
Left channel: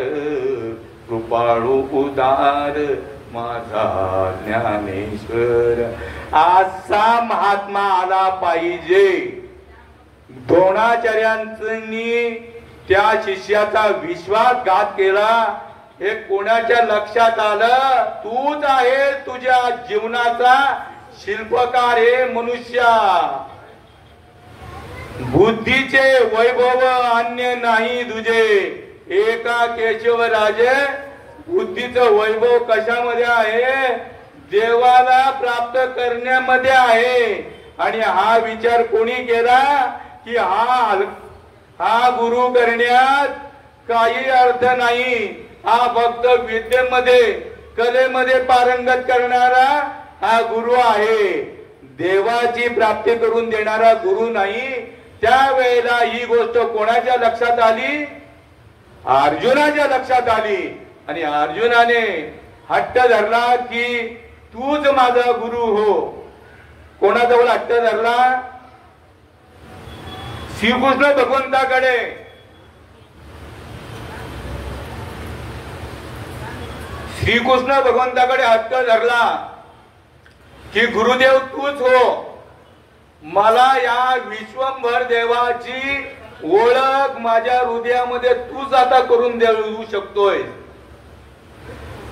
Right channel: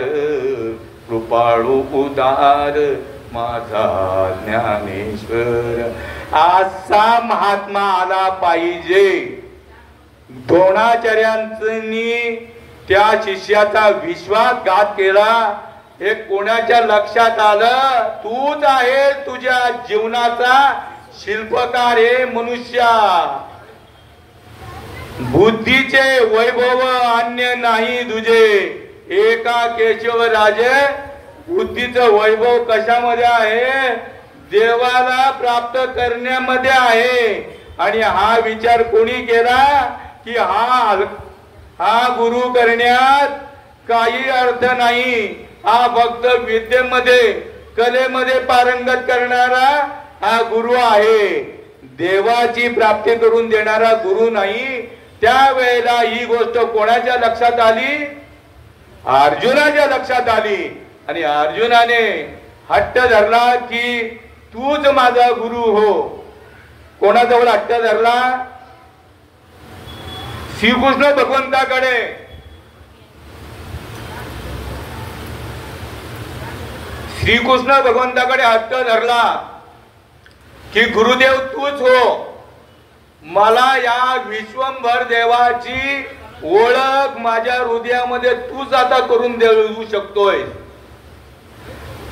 कृपाळू उदार माझा ज्ञानेश्वर. असा महात्मा आला पाहिजे. द्रोणाचार्यांनी त्या शिष्याचा विश्वासघात केला. हे कोणाच्या लक्षात आलं, तूच आहे तुझ्या जीवनाचा शिल्पकार हे मनुष्या. बुद्धीचे वैभव अन्य नाही तुझे. एका केशव राजे बुद्धीचं वैभव कशामध्ये आहे, देवाला प्राप्त करण्यामध्ये आहे. आणि हा विचार कोणी केला की हा गुरु करण्यात काही अर्थ नाही. हा फक्त विद्येमध्ये कलेमध्ये पारंगत करणारा हा गुरु आहे, देवाची प्राप्ती करून देणारा गुरु नाही. त्यावेळेला ही गोष्ट कोणाच्या लक्षात आली, अर्जुनाच्या लक्षात आली. आणि अर्जुनाने हट्ट धरला की तूच माझा गुरु हो. कोणाजवळ हट्ट धरला, श्रीकृष्ण भगवंताकडे. श्रीकृष्ण भगवंताकडे हट्ट धरला की गुरुदेव तूच हो, मला या विश्वंभर देवाची ओळख माझ्या हृदयामध्ये तूच आता करून देऊ शकतोय.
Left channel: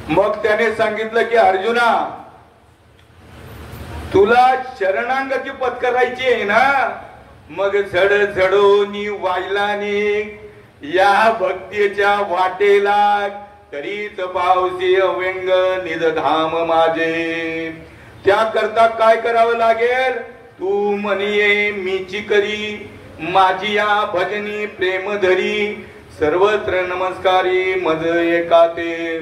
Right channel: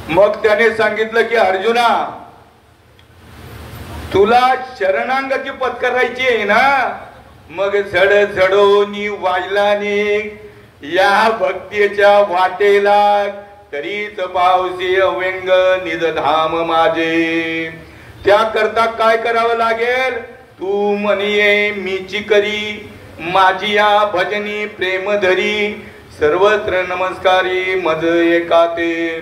मग त्याने सांगितलं की अर्जुना, तुला शरणांगती पत्करायची आहे ना, मग झड झडोनी वायलाने या भक्तीच्या वाटेला, तरीच पावसी अव्यंग निजधाम माझे. त्याकरता काय करावं लागेल? तू म्हणिये मीची करी, माझी या भजनी प्रेम धरी, सर्वत्र नमस्कारी मज एकाते.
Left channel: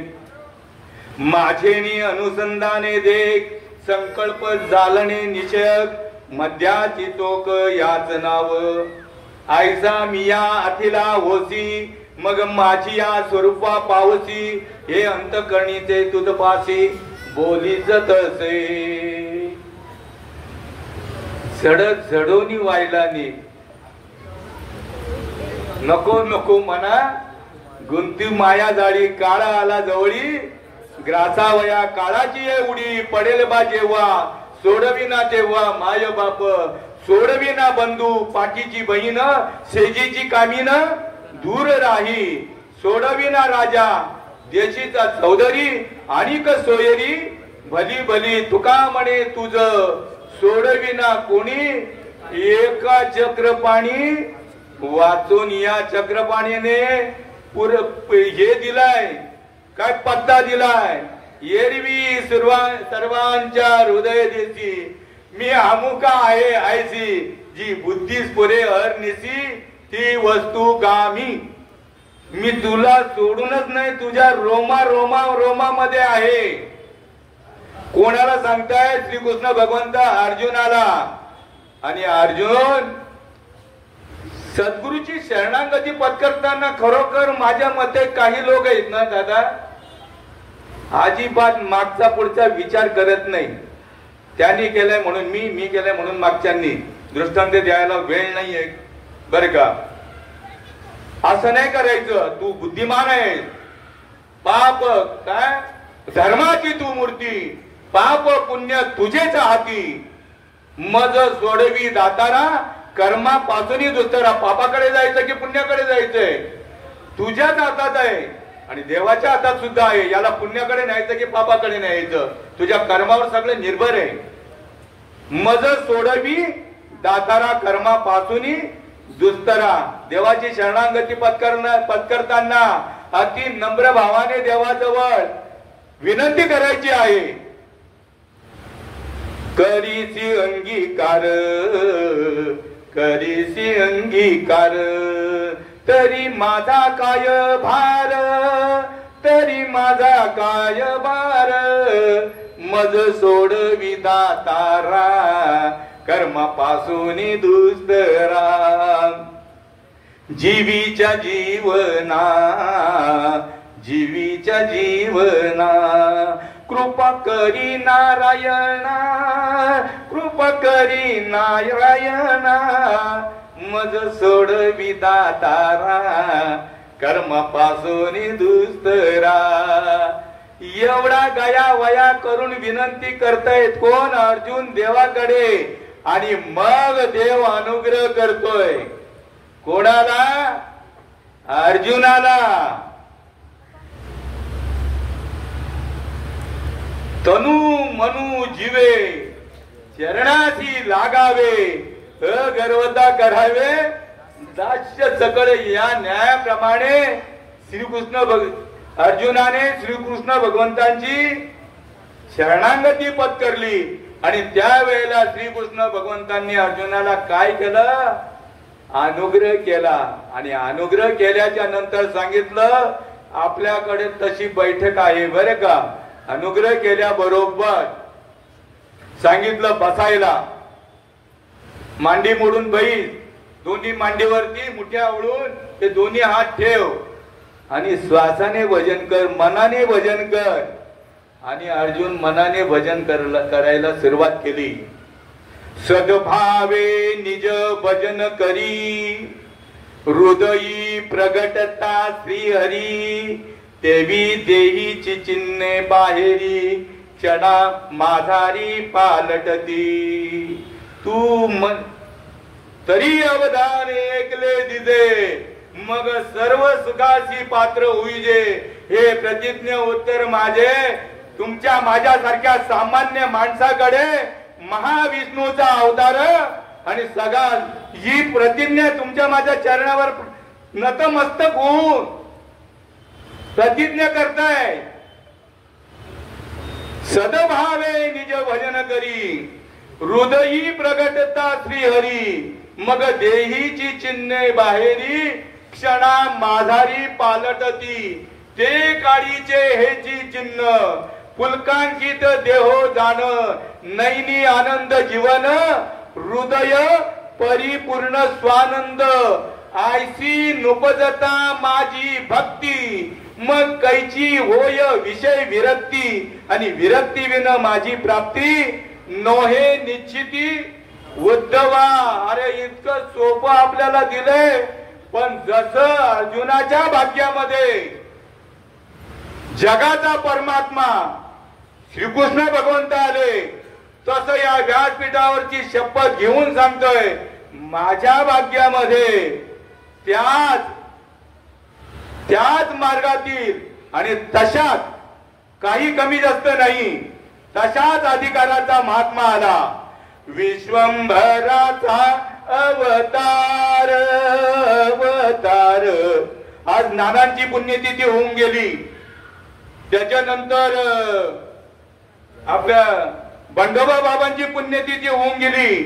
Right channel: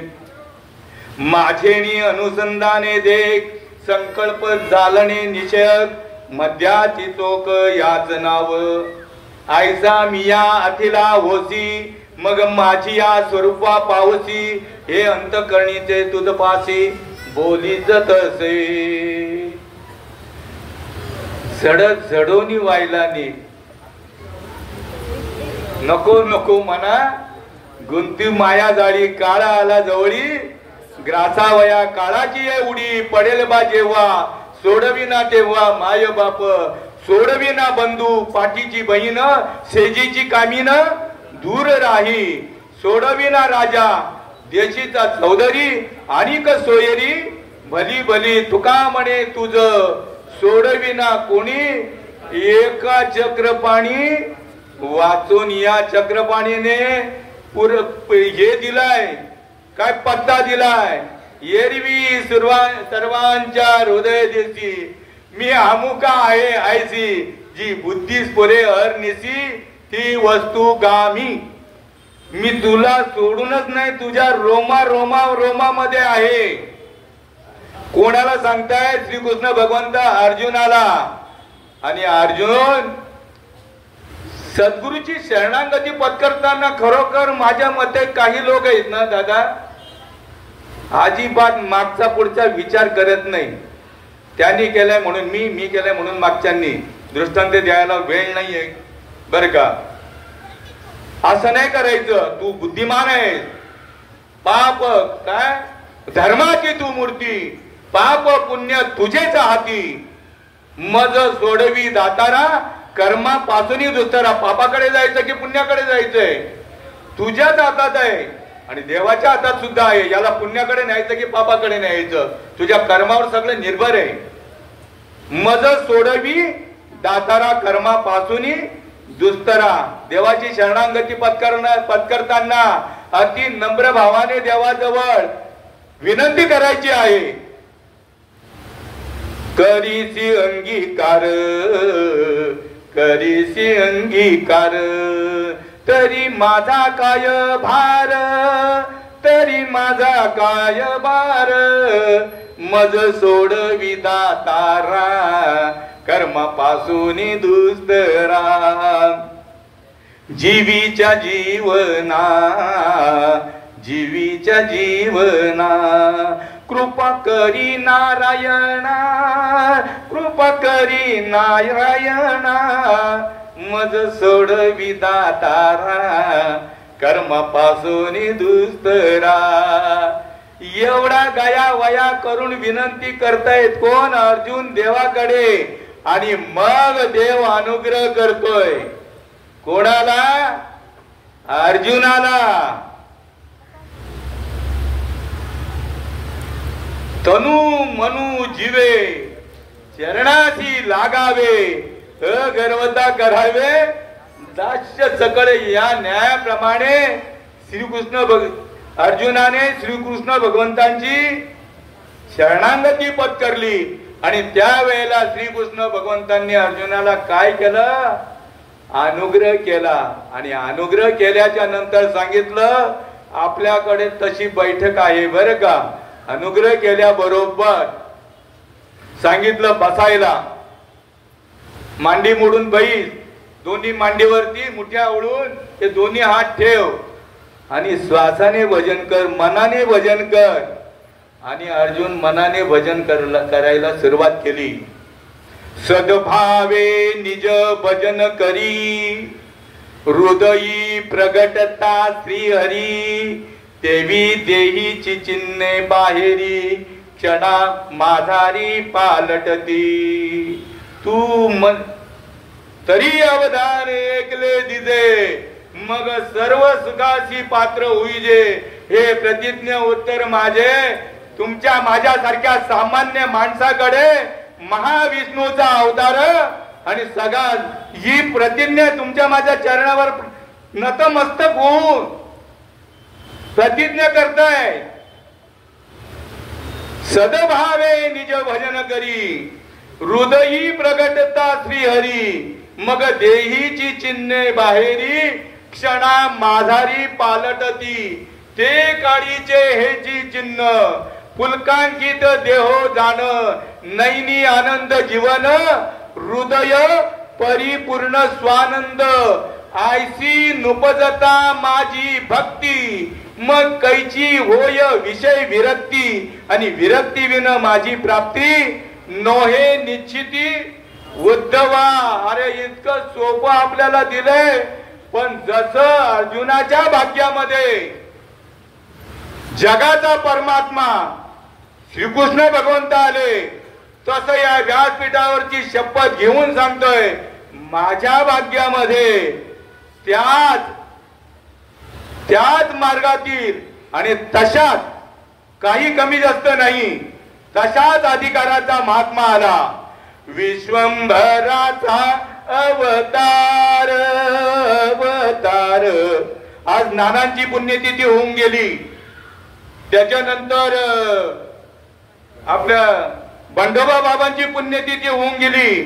माझेनी अनुसंधाने देख, संकल्प जालने निशक, मध्याची चोक याच नाव. आयसा मिया अथिला होसी, मग माझी या स्वरूपा पावसी, हे अंतकरणीचे तुझ पासी बोलीच तसे. झडत झडोनी वायलानी, नको नको म्हणा गुंती माया जाळी, काळा आला जवळी, ग्रासावया काळाची ये उडी, पडेल बा जेव्हा सोडविना तेव्हा माय बाप, सोडविना बंधू पाठीची बहीण, सेजीची कामीन दूर राही, सोडविना राजा देशीचा चौधरी, अनिक सोयरी भली भली, तुका म्हणे तुझ सोडविना कोणी, एका चक्रपाणी वाचून या चक्रपाणीने हे दिलाय, काय पत्ता दिलाय, एरवी सर्वांच्या हृदय देशी, मी अमुका आहे आयसी, जी बुद्धीस पुरे अरनिसी, ती वस्तू गामी. मी तुला सोडूनच नाही, तुझ्या रोमामध्ये आहे. कोणाला सांगताय? श्रीकृष्ण भगवंत अर्जुनाला. आणि अर्जुन सद्गुरूची शरणागती पत्करताना खरोखर माझ्या मते काही लोक आहेत ना दादा, अजिबात मागचा पुढचा विचार करत नाही. त्यांनी केलाय म्हणून मी केलाय म्हणून मागच्यांनी दृष्टांत द्यायला वेळ नाहीये बर का. असं नाही करायचं. तू बुद्धिमान आहे. पाप काय धर्माची तू मूर्ती, पाप पुण्य तुझेच हाती, मज सोडवी दातारा, कर्मापासूनही दुसरा. पापाकडे जायचं की पुण्याकडे जायचंय? तुझ्याच हातात आहे आणि देवाच्या हातात सुद्धा आहे. याला पुण्याकडे न्यायचं की पापाकडे न्यायचं? तुझ्या कर्मावर सगळं निर्भर आहे. मज सोडवी दातारा, कर्मापासूनही दुस्तरा. देवाची शरणागती पत्करताना अति नम्र भावाने देवाजवळ विनंती करायची आहे. करीसी अंगीकार, करीसी अंगीकार, तरी माझा काय भार, तरी माझा काय भार, मज सोडवी दातारा, कर्मापासून दुस्तरा. जीवीच्या जीवना, जीवीच्या जीवना, कृपा करी नारायणा, कृपा करी नारायणा, मज सोडवी दातारा, कर्मापासून दुस्तरा. एवढा गया वया करून विनंती करतायत कोण? अर्जुन देवाकडे. आणि मग देव अनुग्रह करतोय कोणाला? अर्जुनाला. तनु मनु जीवे, चरणाशी लागावे, अगर्वता करावे, दास्य सकळे. या न्यायाप्रमाणे अर्जुनाने श्रीकृष्ण भगवंतांची शरणागती पत्करली. आणि त्यावेळेला श्रीकृष्ण भगवंतांनी अर्जुनाला काय केलं? अनुग्रह केला. आणि अनुग्रह केल्याच्या नंतर सांगितलं आपल्याकडे तशी बैठक आहे बरं का. अनुग्रह केल्याबरोबर सांगितलं बसायला. मांडी मोडून बैस, दोन्ही मांडीवरती मुठ्या ओढून ते दोन्ही हात ठेव आणि श्वासाने भजन कर, मनाने भजन कर. आणि अर्जुन मनाने भजन करायला सुरुवात केली. सद्भावे निज भजन करी, हृदयी प्रगटता श्री हरी, देवी देहीची चिन्हे बाहेरी क्षणा माधारी पालटती. तू तरी अवधान ऐकले दिजे मग सर्व सुखाची पात्र होईजे. हे प्रतिज्ञ उत्तर माझे तुमच्या माझ्यासारख्या सामान्य माणसाकडे महाविष्णूचा अवतार आणि सगळा ही प्रतिज्ञा तुमच्या माझ्या चरणावर नतमस्तक होऊन प्रतिज्ञा करताय. सदभावे निज भजन करी हृदयी प्रगटता श्रीहरी. मग देहीची चिन्हे बाहेरी क्षणा माधारी पालटती. ते काळीचे हेची चिन्ह पुलकांकित देहो जाण. नैनी आनंद जीवन हृदय परिपूर्ण स्वानंद. आयसी नुपजता माझी भक्ती मग कैची होय विषय विरक्ती. आणि विरक्ती विन माझी प्राप्ती नोहे निश्चिती उद्धवा. अरे इतकं सोपं आपल्याला दिलंय पण जसं अर्जुनाच्या भाग्यामध्ये जगाचा परमात्मा श्रीकृष्ण भगवंत आले तसं या व्यासपीठावरची शपथ घेऊन सांगतोय माझ्या भाग्यामध्ये त्याच मार्गातील आणि तशाच काही कमी जास्त नाही तशाच अधिकाराचा महात्मा आला. विश्वंभराचा अवतार अवतार. आज नानांची पुण्यतिथी होऊन गेली. त्याच्यानंतर आपल्या बंडोबा बाबांची पुण्यतिथी होऊन गेली.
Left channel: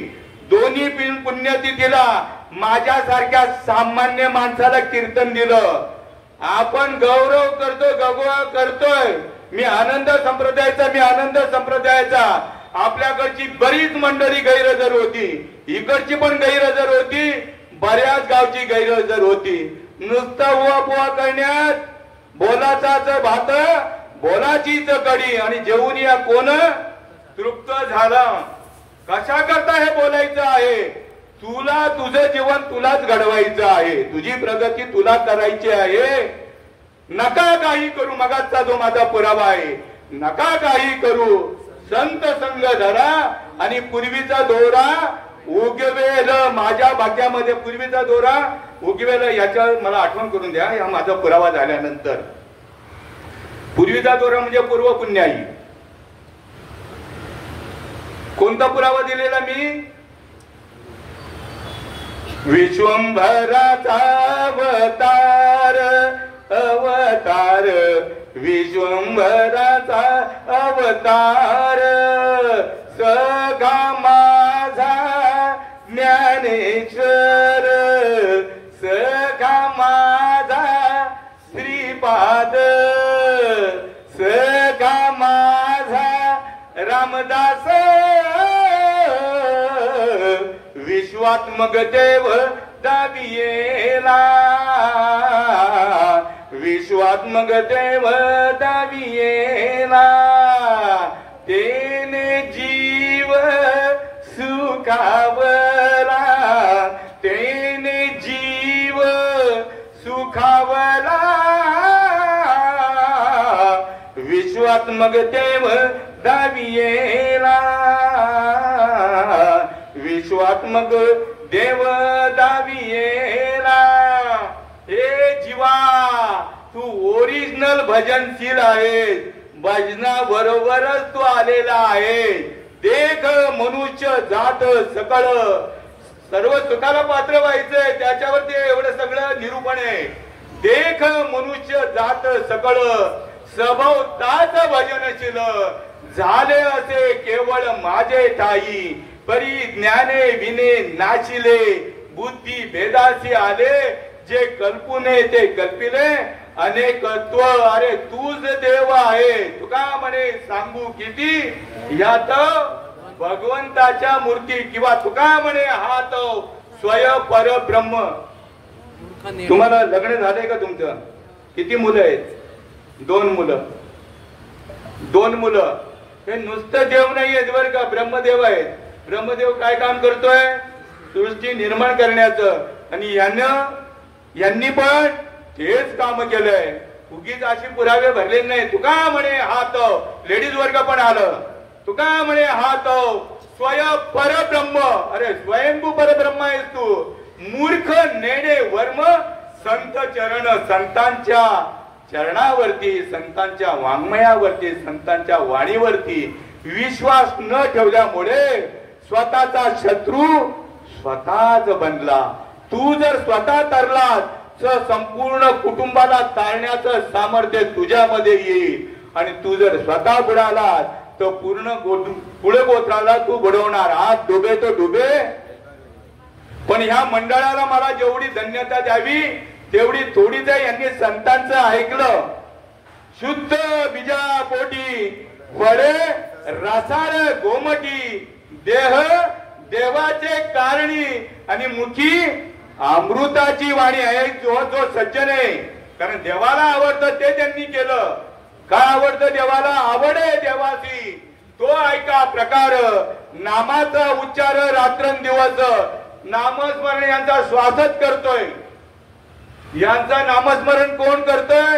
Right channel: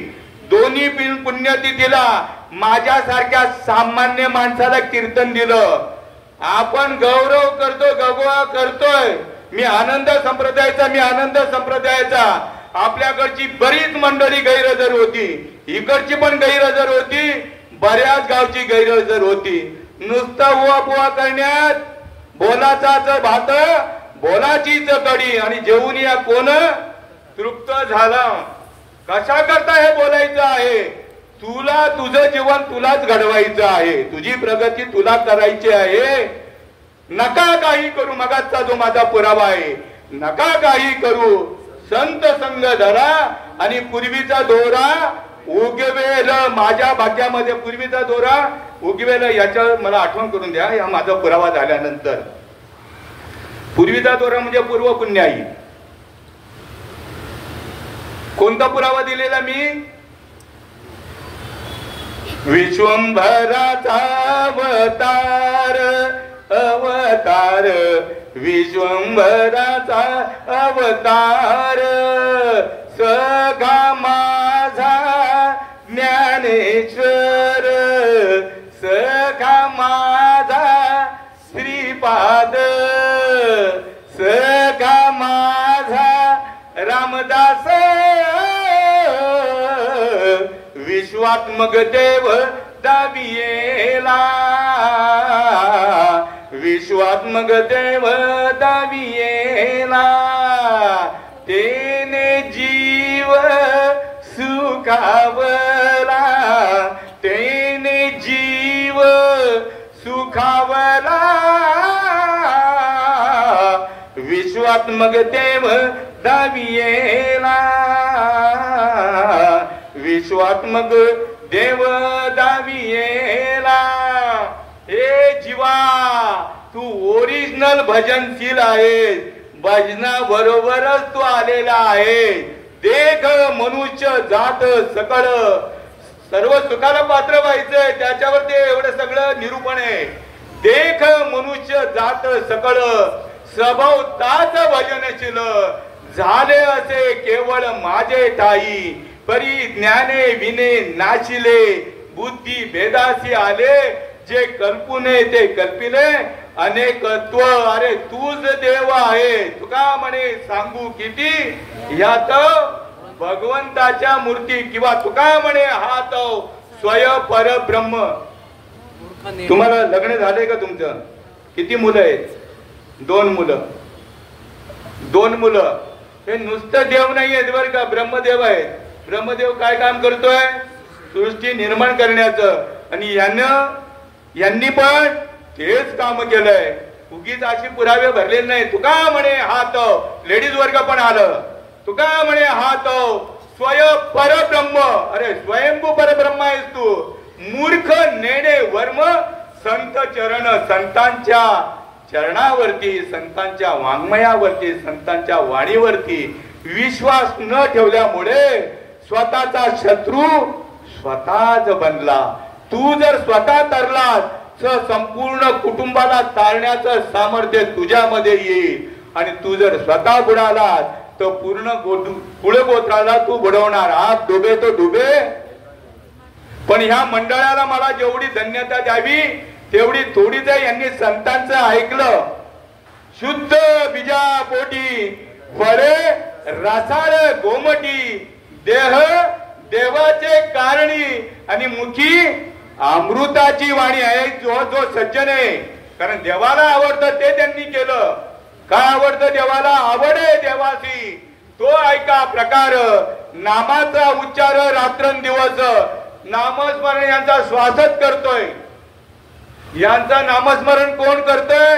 दोन्ही पुण्यतिथीला माझ्यासारख्या सामान्य माणसाला कीर्तन दिलं. आपण गौरव करतो गगवा करतोय. मी आनंद संप्रदायाचा आपल्याकडची बरीच मंडळी गैरहजर होती. इकडची पण गैरहजर होती. बऱ्याच गावची गैरहजर होती. नुसता उवा करण्यात बोलाचाच भात बोलाचीच कडी आणि जेवून या कोण तृप्त झाला. कशा करता हे बोलायचं आहे. तुला तुझं जीवन तुलाच घडवायचं आहे. तुझी प्रगती तुला करायची आहे. नका काही करू. मगाचा जो माझा पुरावा आहे नका काही करू. संत संग धरा आणि पूर्वीचा दोरा उगवेल. माझ्या भाग्यामध्ये पूर्वीचा दोरा उगवेल याच्यावर मला आठवण करून द्या. या माझा पुरावा झाल्यानंतर पूर्वीचा दोरा म्हणजे पूर्व पुण्याई. कोणता पुरावा दिलेला मी. विश्वंभराचा अवतार अवतार. विश्वंभराचा अवतार सखा माझा ज्ञानेश्वर. सखा माझा श्रीपाद. सखा माझा रामदास. विश्वात्मक देव दावियेला. विश्वात्मक देव दावियेला. तेने जीव सुखावला. तेने जीव सुखावला. विश्वात्मक देव दावियेला. विश्वात्मक देव दावियेला. हे जीवा तू ओरिजिनल भजनशील आहे. भजना बरोबरच तू आलेला आहे. देख मनुष्य जात सकळ सर्व सुखाला पात्र व्हायचंय त्याच्यावर ते एवढं सगळं निरूपण आहे. देख मनुष्य जात सकळ स्वभाव ताच भजनशील. झाले असे केवळ माझे ठाई. परी ज्ञाने विने नाशिले. बुद्धी भेदासी आले. जे कल्पुने ते कल्पिले. अनेकत्व अरे तूच देव आहे. तुका म्हणे सांगू किती यात भगवंताच्या मूर्ती किंवा तुका म्हणे हात स्वय परब्रह्म. तुम्हाला लग्न झाले का तुमचं. किती मुलं आहेत. 2 मुलं. 2 मुलं. हे नुसतं देव नाही आहेत बरं का. ब्रह्मदेव आहेत. ब्रह्मदेव काय काम करतोय. सृष्टी निर्माण करण्याचं. आणि यांनी पण तेच काम केलंय. उगीच अशी पुरावे भरले नाही. तुका म्हणे हा तो लेडीज वर्ग पण आलं. तुका म्हणे हा तो स्वयं परब्रह्म. अरे स्वयंभू परब्रह्म आहेस तू. मूर्ख नेणे वर्म संत चरण. संतांच्या चरणावरती, संतांच्या वाङ्मयावरती, संतांच्या वाणीवरती विश्वास न ठेवल्यामुळे स्वतःचा शत्रू स्वतःच बनला. तू जर स्वतः तरलास तर संपूर्ण कुटुंबाला तारण्याचं सामर्थ्य तुझ्यामध्ये येईल. आणि तू जर स्वतः बुडालास तर पूर्ण कुळगोत्राला तू बुडवणार. आज डुबे तो डुबे. पण ह्या मंडळाला मला जेवढी धन्यता द्यावी तेवढी थोडीच आहे. यांनी संतांचं ऐकलं. शुद्ध बीजा पोटी फळे रसाळ गोमटी. देह देवाचे कारणी आणि मुखी अमृताची वाणी आहे. जो जो सज्जन आहे, कारण देवाला आवडतं ते त्यांनी केलं. काय आवडतं देवाला? आवड आहे देवाची. तो ऐका प्रकार. नामाचा उच्चार रात्रंदिवस. नामस्मरण यांचा श्वासच करतोय. यांचा नामस्मरण कोण करतोय?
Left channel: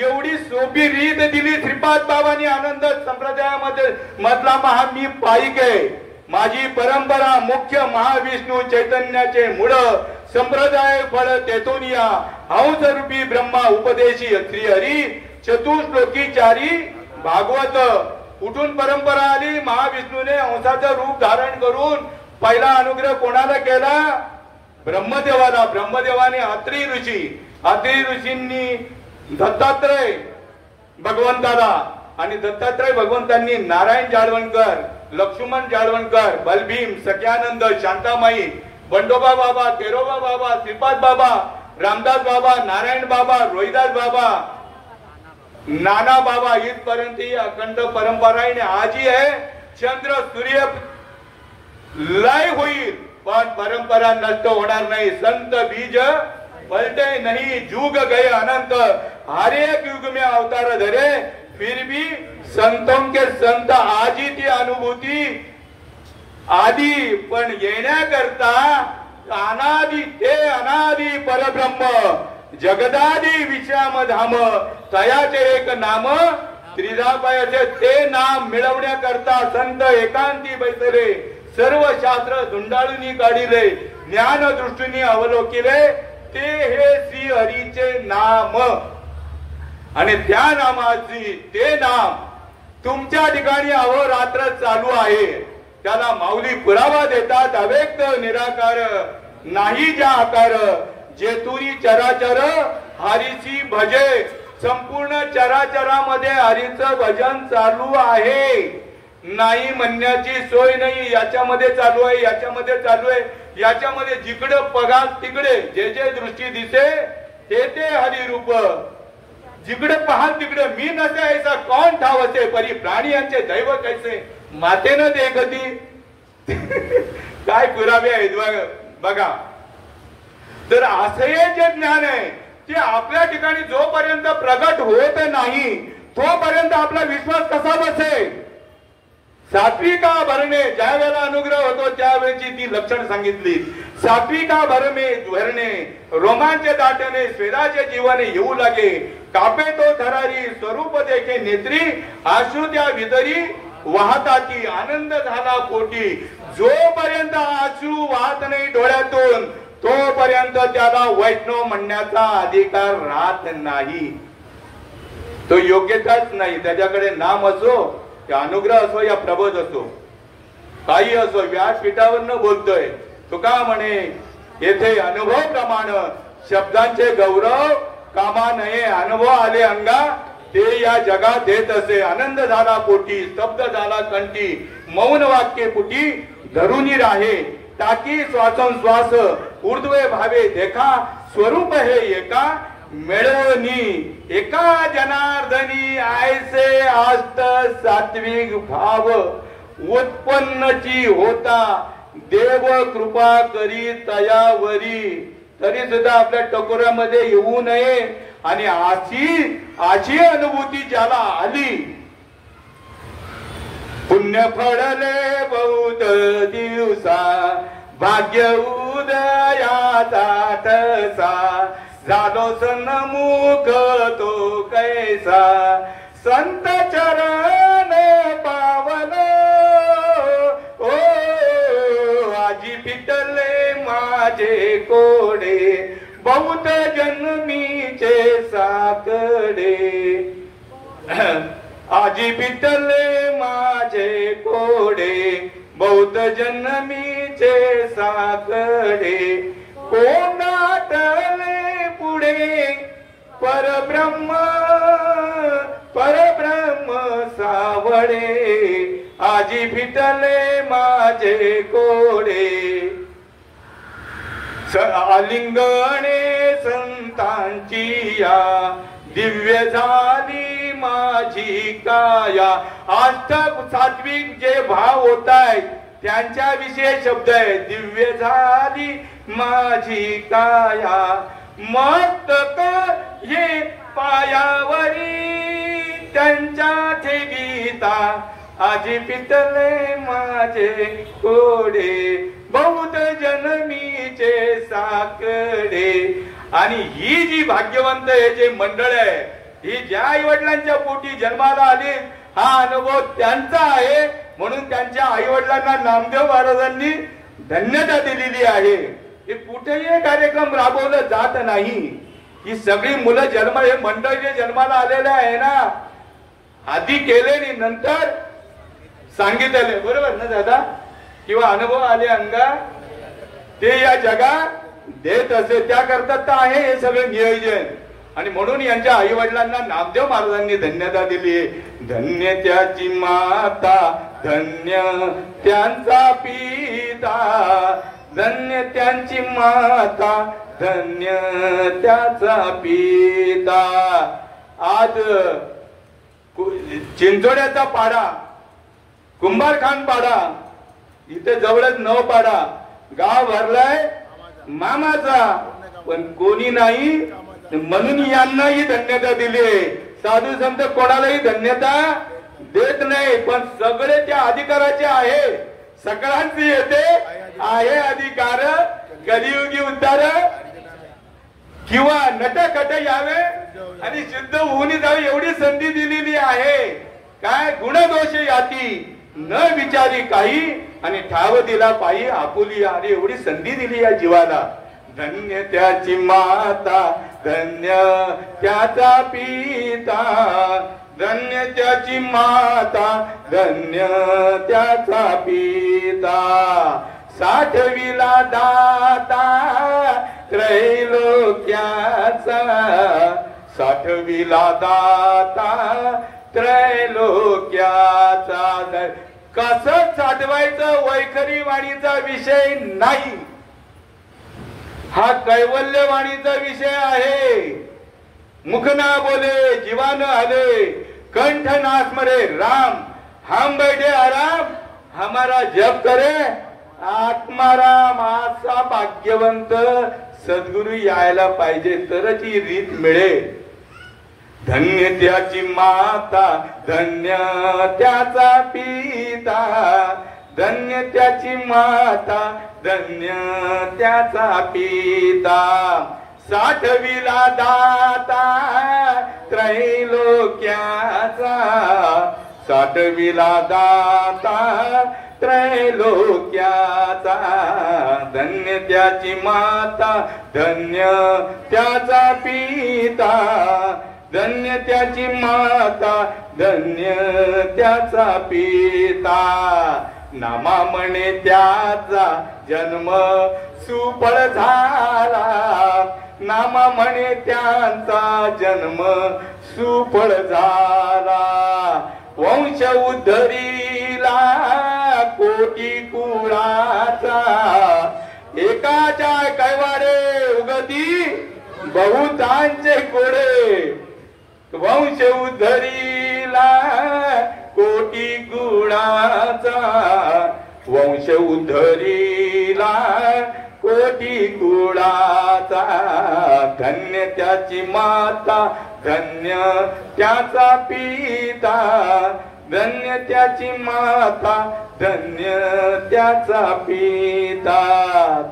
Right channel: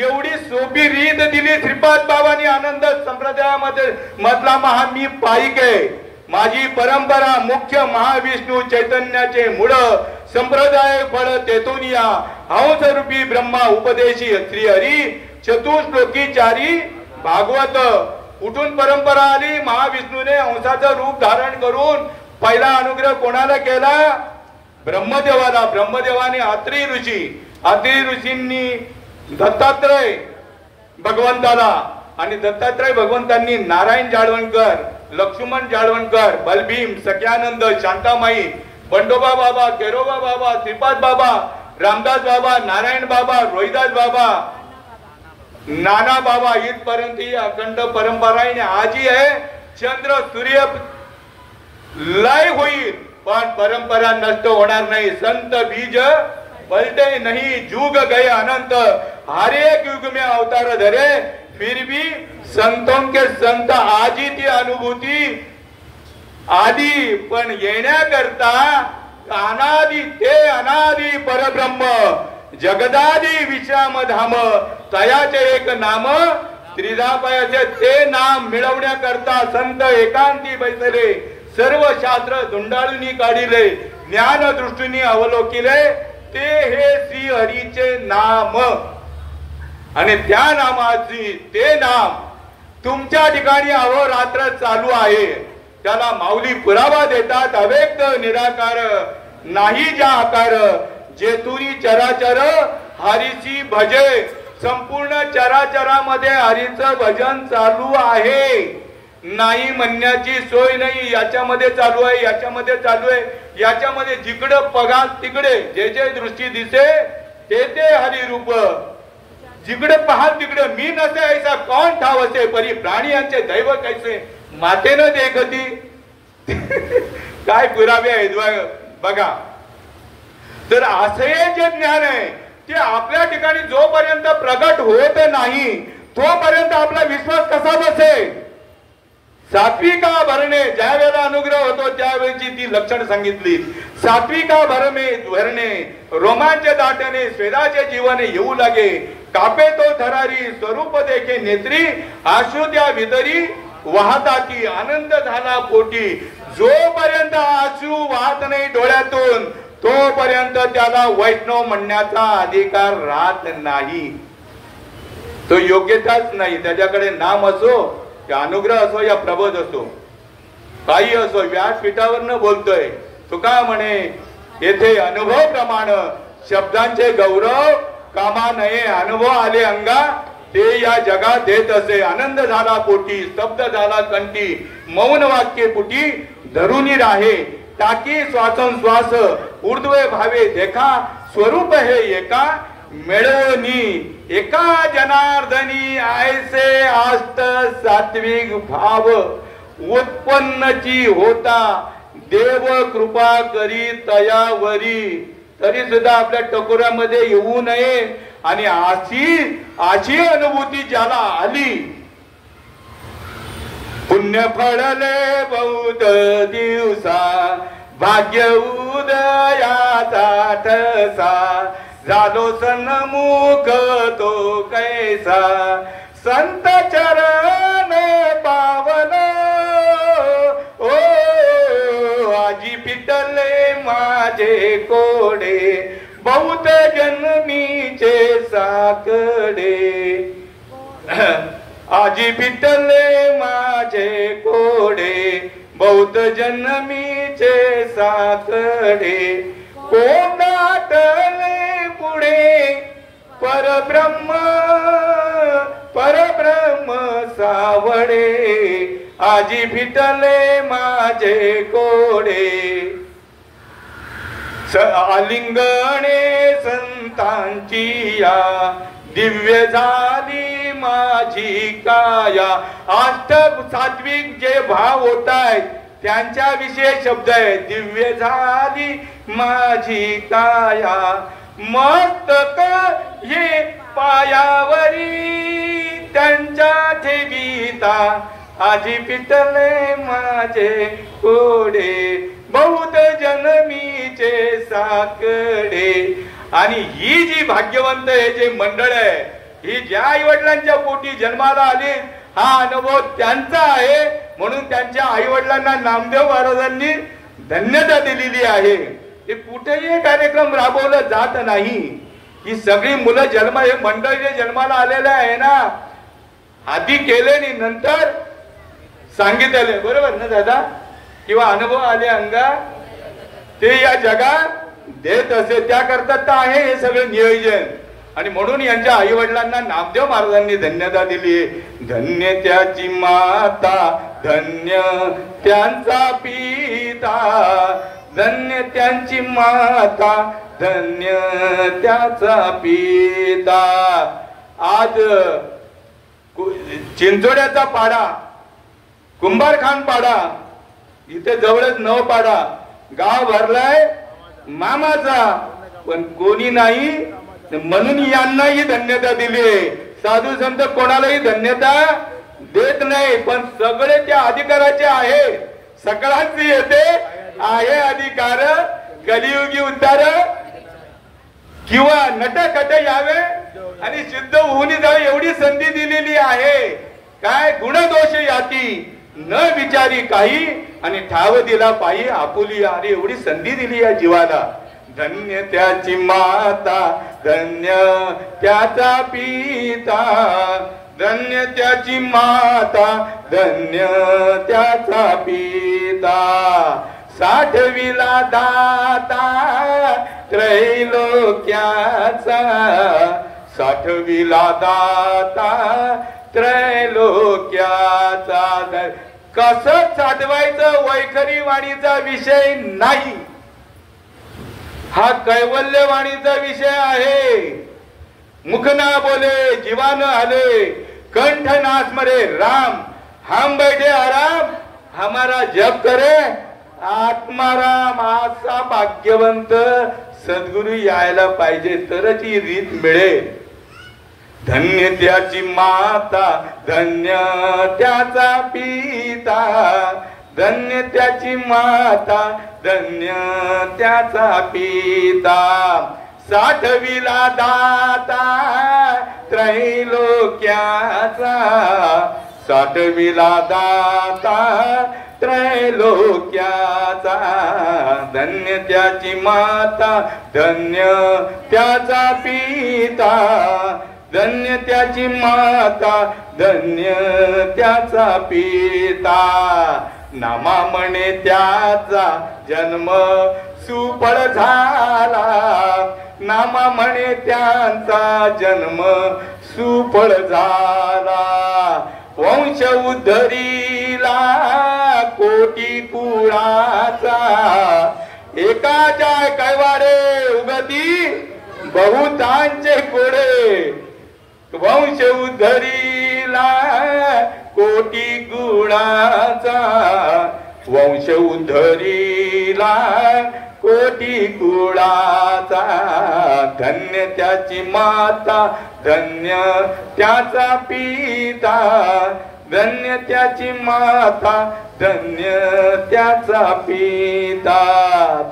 एवढी सोपी रीत दिली श्रीपाद बाबांनी आनंद संप्रदायामध्ये मधला महा मी पाईक आहे. माझी परंपरा मुख्य महाविष्णू चैतन्याचे मूळ संप्रदाय फळ तेथून या हंस रूपी ब्रह्मा उपदेशी श्री हरी चतुश्लोकी चारी भागवत. कुठून परंपरा आली? महाविष्णूने हंसाचं रूप धारण करून पहिला अनुग्रह कोणाला केला? ब्रह्मदेवाला. ब्रह्मदेवाने अत्री ऋषींनी दत्तात्रय भगवंताला, आणि दत्तात्रय भगवंतांनी नारायण जाळवणकर, लक्ष्मण जाळवणकर, बलभीम, सख्यानंद, शांतामाई, बंडोबा बाबा, केरोबा बाबा, श्रीपाद बाबा, रामदास बाबा, नारायण बाबा, रोहिदास बाबा, नाना बाबा इथपर्यंत ही अखंड परंपरा आहे. आजी आहे. चंद्र सूर्य लय होईल पण परंपरा नष्ट होणार नाही. संत बीज पलटे नहीं. जुग गए अनंत. हर एक युग में अवतार धरे फिर भी संतों के संत. आजी ती अनुभूती आदि पण येण्याकरता अनादि ते अनादि परब्रह्म जगदादि विश्राम धाम तयाचे एक नाम त्रिधापायाचे. ते नाम मिळवण्याकरता संत एकांती बैसले. सर्व शास्त्र धुंडाळून काढिले. ज्ञान दृष्टीने अवलोकिले. ते हे श्री हरीचे नाम. आणि त्या नामाची ते नाम तुमच्या ठिकाणी अहोरात्र चालू आहे. त्याला माऊली पुरावा देतात. अव्यक्त निराकार नाही ज्या आकार. जेथुरी चराचर हरीची भजे. संपूर्ण चराचरामध्ये हरीचं भजन चालू आहे. नाही म्हणण्याची सोय नाही. याच्यामध्ये चालू आहे, याच्यामध्ये चालू आहे, याच्यामध्ये जिकडं पगार तिकडे जे जे दृष्टी दिसे ते ते हरिरूप. जिकडे पाहाल तिकडे मी नसे ऐसा कोण ठाव असे. परी प्राणी यांचे दैव कैसे मातेनं देखती. काय पुरावे आहेत बघा. तर असे जे ज्ञान आहे ते आपल्या ठिकाणी जोपर्यंत प्रगट होत नाही तोपर्यंत आपला विश्वास कसा बसेल? सात्विका भरणे. ज्या वेळेला अनुग्रह होतो त्यावेळेची ती लक्षण सांगितली. सात्विका भरणे रोमांच दाटणे स्वेदाचे जीवन येऊ लागे. कापे तो थरारी स्वरूप देखे नेत्री. आशु त्या विदरी वाहता की आनंद झाला पोटी. जोपर्यंत आशु वाहत नाही डोळ्यातून तोपर्यंत त्याला वैष्णव म्हणण्याचा अधिकार राहत नाही. तो योग्यताच नाही. त्याच्याकडे नाम असो, अनुग्रह असो या प्रबोध असो, काही असो, व्यासपीठावर बोलतोय. तुका म्हणे येथे अनुभव प्रमाण शब्दांचे गौरव कामा नये. अनुभव आले अंगा ते या जगात देत असे. आनंद झाला पोटी, स्तब्ध झाला कंठी, मौन वाक्य पुटी धरुनी राहे. टाकी श्वासोश्वास ऊर्ध्वे भावे देखा. स्वरूप हे एका मिळवणी. एका जनार्दनी ऐसे आष्ट सात्विक भाव उत्पन्नची होता. देव कृपा करी तयावरी. तरी सुद्धा आपल्या टकोरामध्ये येऊ नये. आणि अशी अनुभूती ज्याला आली. पुण्य फळले बहुत दिवसा भाग्य उदयाचा ठसा. झालो सन्मुख तो कैसा संत चरण पावन ओ आजी पिटले माझे कोडे बहुत जन्मीचे साकडे आजी पिटले माझे कोडे बहुत जन्मीचे साकडे कोणाटले पुढे परब्रह्म सावडे आजी फिटले माझे कोडे आलिंगणे संतांची या दिव्य झाली माझी काया अष्टक सात्विक जे भाव होत आहेत त्यांच्या विषयी शब्द आहे दिव्य झाली माझी काया मस्तक हे पायावरी त्यांच्या ठेवीता आजी पितले माझे कोडे बहुत जन्मीचे साकडे आणि ही जी भाग्यवंत हे जे मंडळ आहे ही ज्या आई वडिलांच्या पोटी जन्माला आली हा अनुभव त्यांचा आहे म्हणून त्यांच्या आई वडिलांना नामदेव महाराजांनी धन्यता दिलेली आहे. हे कुठेही कार्यक्रम राबवला जात नाही. ही सगळी मुलं जन्म हे मंडळ जे जन्माला आलेले आहे ना आधी केले आणि नंतर सांगितले बरोबर ना दादा किंवा अनुभव आले अंगा ते या जगात देत असे त्याकरता तर आहे हे सगळं नियोजन आणि म्हणून यांच्या आई वडिलांना नामदेव महाराजांनी धन्यता दिली. धन्य त्याची माता धन्य त्यांचा पिता धन्य त्यांची माता धन्य त्याचा पिता. आज चिंचोड्याचा पाडा कुंभारखान पाडा इथे जवळच नव पाडा गाव भरलाय मामाचा पण कोणी नाही म्हणून यांनाही धन्यता दिली. साधू संत कोणालाही धन्यता देत नाही पण सगळे त्या अधिकाराचे आहे सगळ्यांचे येते आहे अधिकार कलियुगी उद्धार किंवा नटखट यावे आणि शुद्ध होऊन जावे एवढी संधी दिलेली आहे. काय गुणदोष याती न विचारी काही आणि ठाव दिला पायी आपुली अरे एवढी संधी दिली या जीवाला. धन्य त्याची माता धन्य त्याचा पिता धन्य त्याची माता धन्य त्याचा पिता. साठविला दाता त्रैलोक्याचा साठविला दाता त्रैलोक्याचा. कसं साठवायचं वैखरी वाणीचा विषय नाही हा कैवल्यवाणीचा विषय आहे. मुखना बोले जीवान आले कंठ नास मरे राम हम बैठे आराम हमारा जप करे आत्माराम. असा भाग्यवंत सद्गुरु यायला पाहिजे तरच ही रीत मिळेल. धन्य त्याची माता धन्य त्याचा पिता धन्य त्याची माता धन्य त्याचा पिता. साठविला दाता त्रैलोक्याचा साठविला दाता त्रैलोक्याचा. धन्य त्याची माता धन्य त्याचा पिता धन्य त्याची माता धन्य त्याचा पिता. नामा म्हणे त्याचा जन्म सुफळ झाला नामा म्हणे त्यांचा जन्म सुफळ झाला. वंश उद्धरीला कोटी कुळाचा एकाच्या कैवाडे उगती बहुतांचे कोडे. वंश उद्धरीला कोटी गुणाचा वंश उद्धरीला कोटी कुळाचा. धन्य त्याची माता धन्य त्याचा पिता धन्य त्याची माता धन्य त्याचा पिता.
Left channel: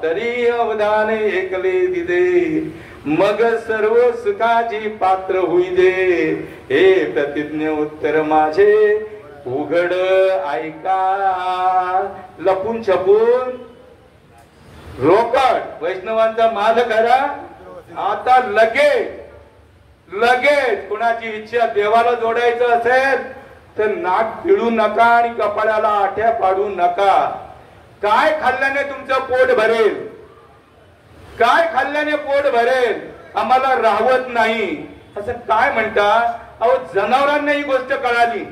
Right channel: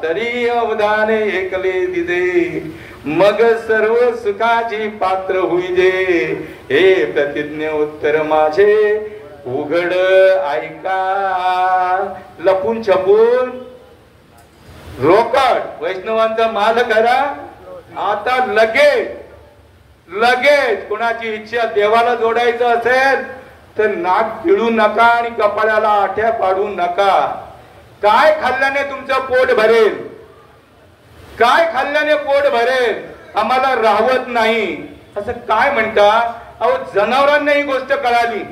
तरी अवधाने ऐकले दिदे मग सर्व सुखाची पात्र होई दे. हे प्रतिज्ञ उत्तर माझे उघड ऐका. लपून छपून रोकड वैष्णवांचा माल करा. आता लगेच कोणाची इच्छा देवाला जोडायचं असेल तर नाक पिळू नका आणि कपाळाला आठ्या पाडू नका. काय खाल्ल्याने तुमचं पोट भरेल, काय खाल्ल्याने पोट भरेल, आम्हाला राहत नाही असं काय म्हणता. अहो जनावरांना ही गोष्ट कळाली.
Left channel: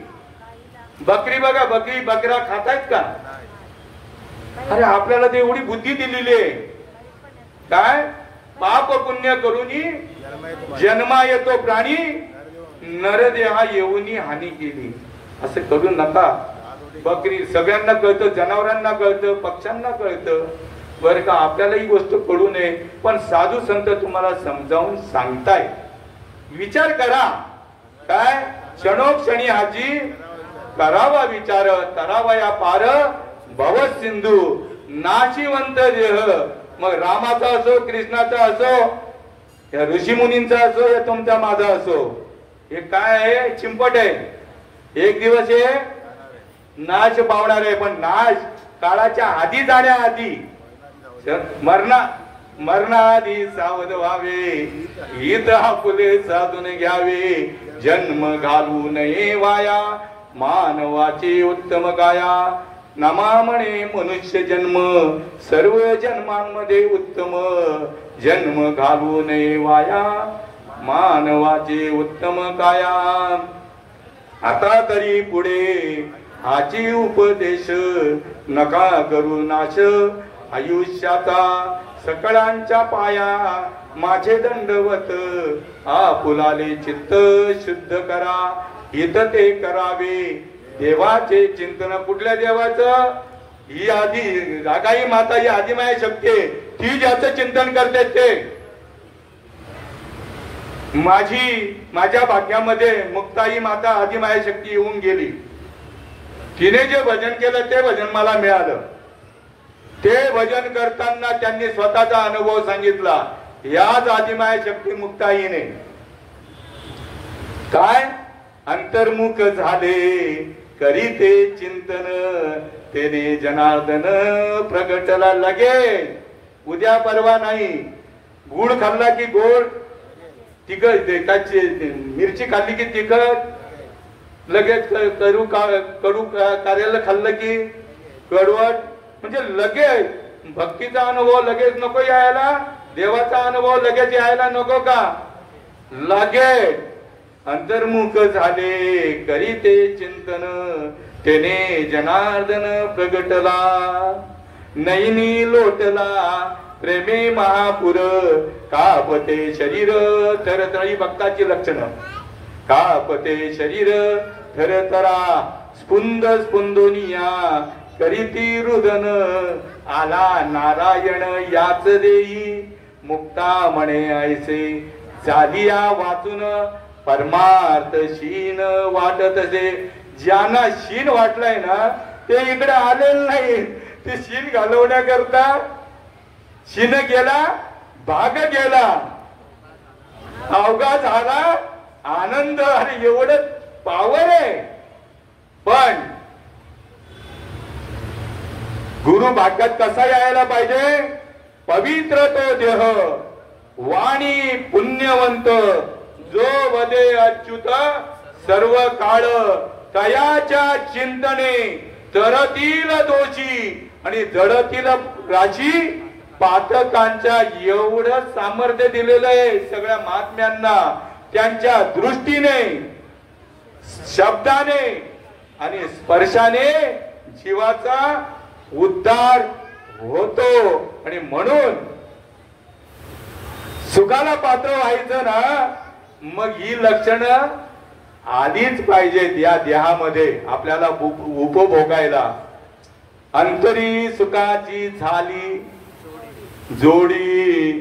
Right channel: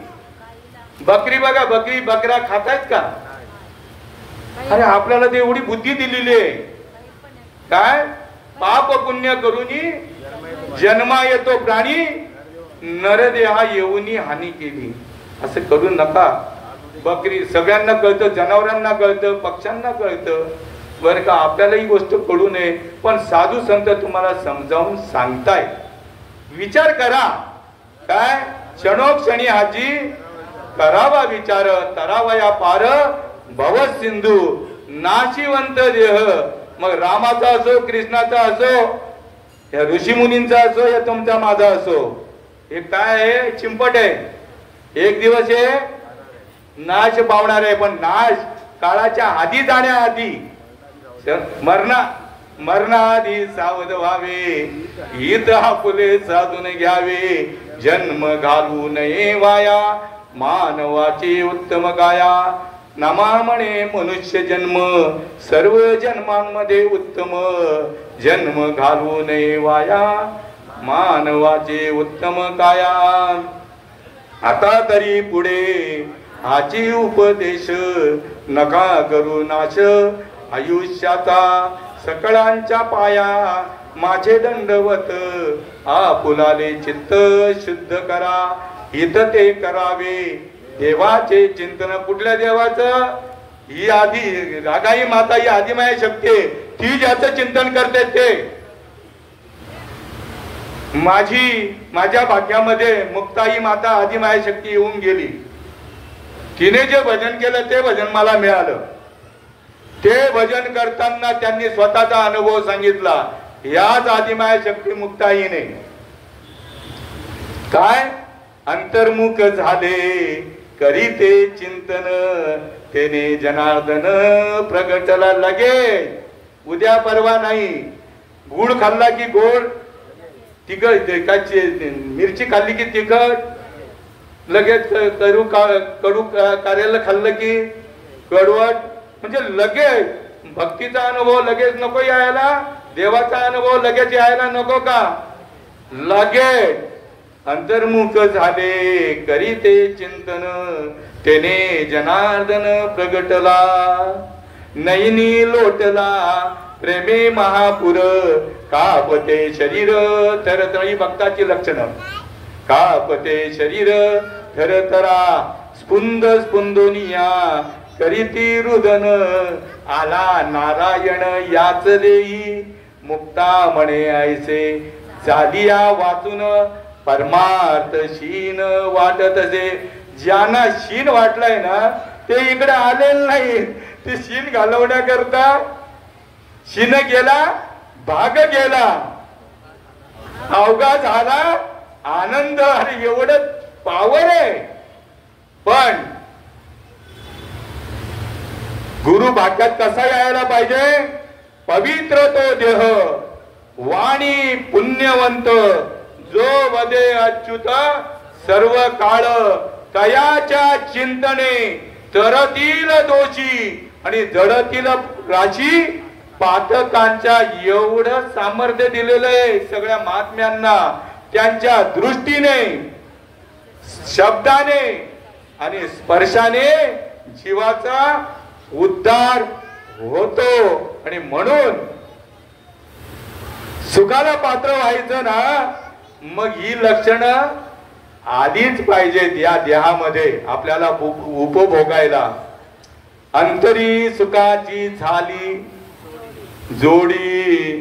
बकरी बघा, बकरी बकरा खातायत का? अरे आपल्याला ते एवढी बुद्धी दिलेली आहे. काय पाप पुण्य करूनी जन्मा येतो प्राणी, नरदेहा येऊनी हानी केली असं करू नका. बकरी सगळ्यांना कळतं, जनावरांना कळतं, पक्ष्यांना कळतं बरं का. आपल्याला ही गोष्ट कळू नये, पण साधू संत तुम्हाला समजावून सांगताय. विचार करा. काय क्षणोक्षणी हाजी करावा विचार, करावा या पार भव सिंधू नाशिवंत देह. मग रामाचा असो, कृष्णाचा असो, या ऋषी मुनींचा असो, या तुमचा माझा असो, हे काय आहे? चिंपट आहे. एक दिवस हे नाश पावणार आहे. पण नाश काळाच्या आधी जाण्याआधी, मरणाआधी सावध व्हावे. हित आपुले साधून घ्यावे. जन्म घालू नये वाया, मानवाचे उत्तम काया. नमा म्हणे मनुष्य जन्म, सर्व जन्मांमध्ये उत्तम. जन्म घालू नये वाया, मानवाचे उत्तम काया. आता तरी पुढे हाची उपदेश, नका करू नाश आयुष्याचा. सकळांच्या पाया माझे दंडवत, आपुलाले चित्त शुद्ध करा. हित ते करावे देवाचे चिंतन. कुठल्या देवाचं? ही आधी रागाई माता, ही आदिमाया शक्ती, ती ज्याचं चिंतन करते ते. माझ्या भाग्यामध्ये मुक्ताई माता आदिमाया शक्ती येऊन गेली. तिने जे भजन केलं ते भजन मला मिळालं. ते भजन करताना त्यांनी स्वतःचा अनुभव सांगितला. याच आदिमाया शक्ती मुक्ताईने काय अंतर्मुख झाले करीते चिंतन, तेने जनार्दन प्रगटला लगेच. उद्या परवा नाही. गुळ खाल्ला की गोड, तिखट मिरची खाल्ली की तिखट, लगेच कडू कार्याला खाल्लं की कडवट. म्हणजे लगेच भक्तीचा अनुभव लगेच नको यायला, देवाचा अनुभव लगेच यायला नको का? लगेच अंतर्मुख झाले करीते चिंतन, तेने जनार्दन प्रगटला. नयनी लोटला प्रेमे महापुर, कापते शरीर थरथरी. भक्ताची लक्षणं. कापते शरीर थरथरा, स्पुंद स्पुंदोनिया करीती रुदन. आला नारायण याच देई, मुक्ता म्हणे ऐसे. झालिया वाचून परमार्थ शीन वाटत असे. ज्यांना शीन वाटलाय ना ते इकडे आलेलं नाही. ते शीन घालवण्याकरता शीन गेला, भाग गेला, अवघा झाला आनंद. अरे एवढं पावर आहे. पण गुरु भाग्यात कसा यायला पाहिजे? पवित्र तो देह, वाणी पुण्यवंत, जो वदे अच्युत सर्व काळ. तयाच्या चिंतने तरतील दोषी आणि जडतील राशी. पातकांच्या एवढं सामर्थ्य दिलेलं आहे सगळ्या महात्म्यांना. त्यांच्या दृष्टीने, शब्दाने आणि स्पर्शाने जीवाचा उद्धार होतो. आणि म्हणून सुखाला पात्र व्हायचं ना, मग ही लक्षणं आलीच पाहिजेत या देहामध्ये आपल्याला उपभोगायला. अंतरी सुखाची झाली जोडी,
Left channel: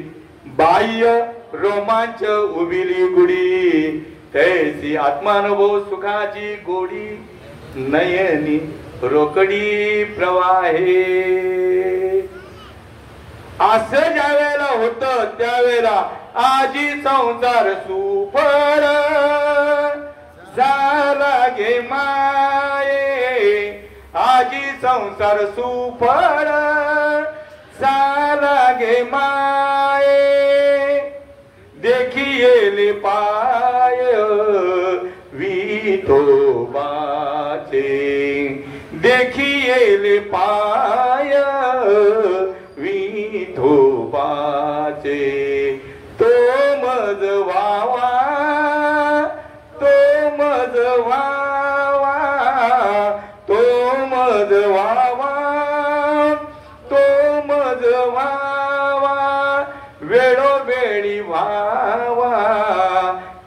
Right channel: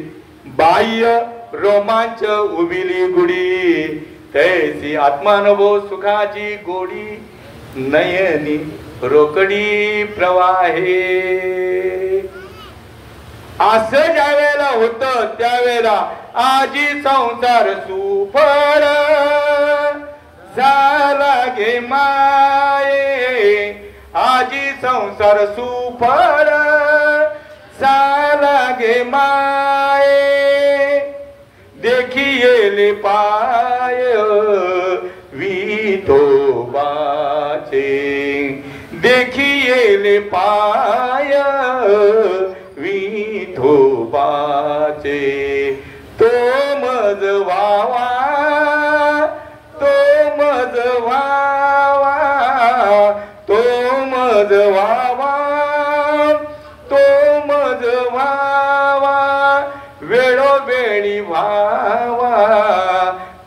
बाह्य रोमांच उबिली गुडी. तैसी आत्मानुभव सुखाची गोडी, नयनी रोकडी प्रवाहे. असं ज्या वेळेला होतं त्यावेळेला आजी संसार सुफळ झाला गे माये, आजी संसार सुफळ झाला गे माये, देखिएले पाय विठोबाचे, देखिएले पाय विठोबाचे, तो मज व्हावा, तो मज व्हावा, तो मज व्हावा, तो मज व्हावा, वेळोवेळी व्हावा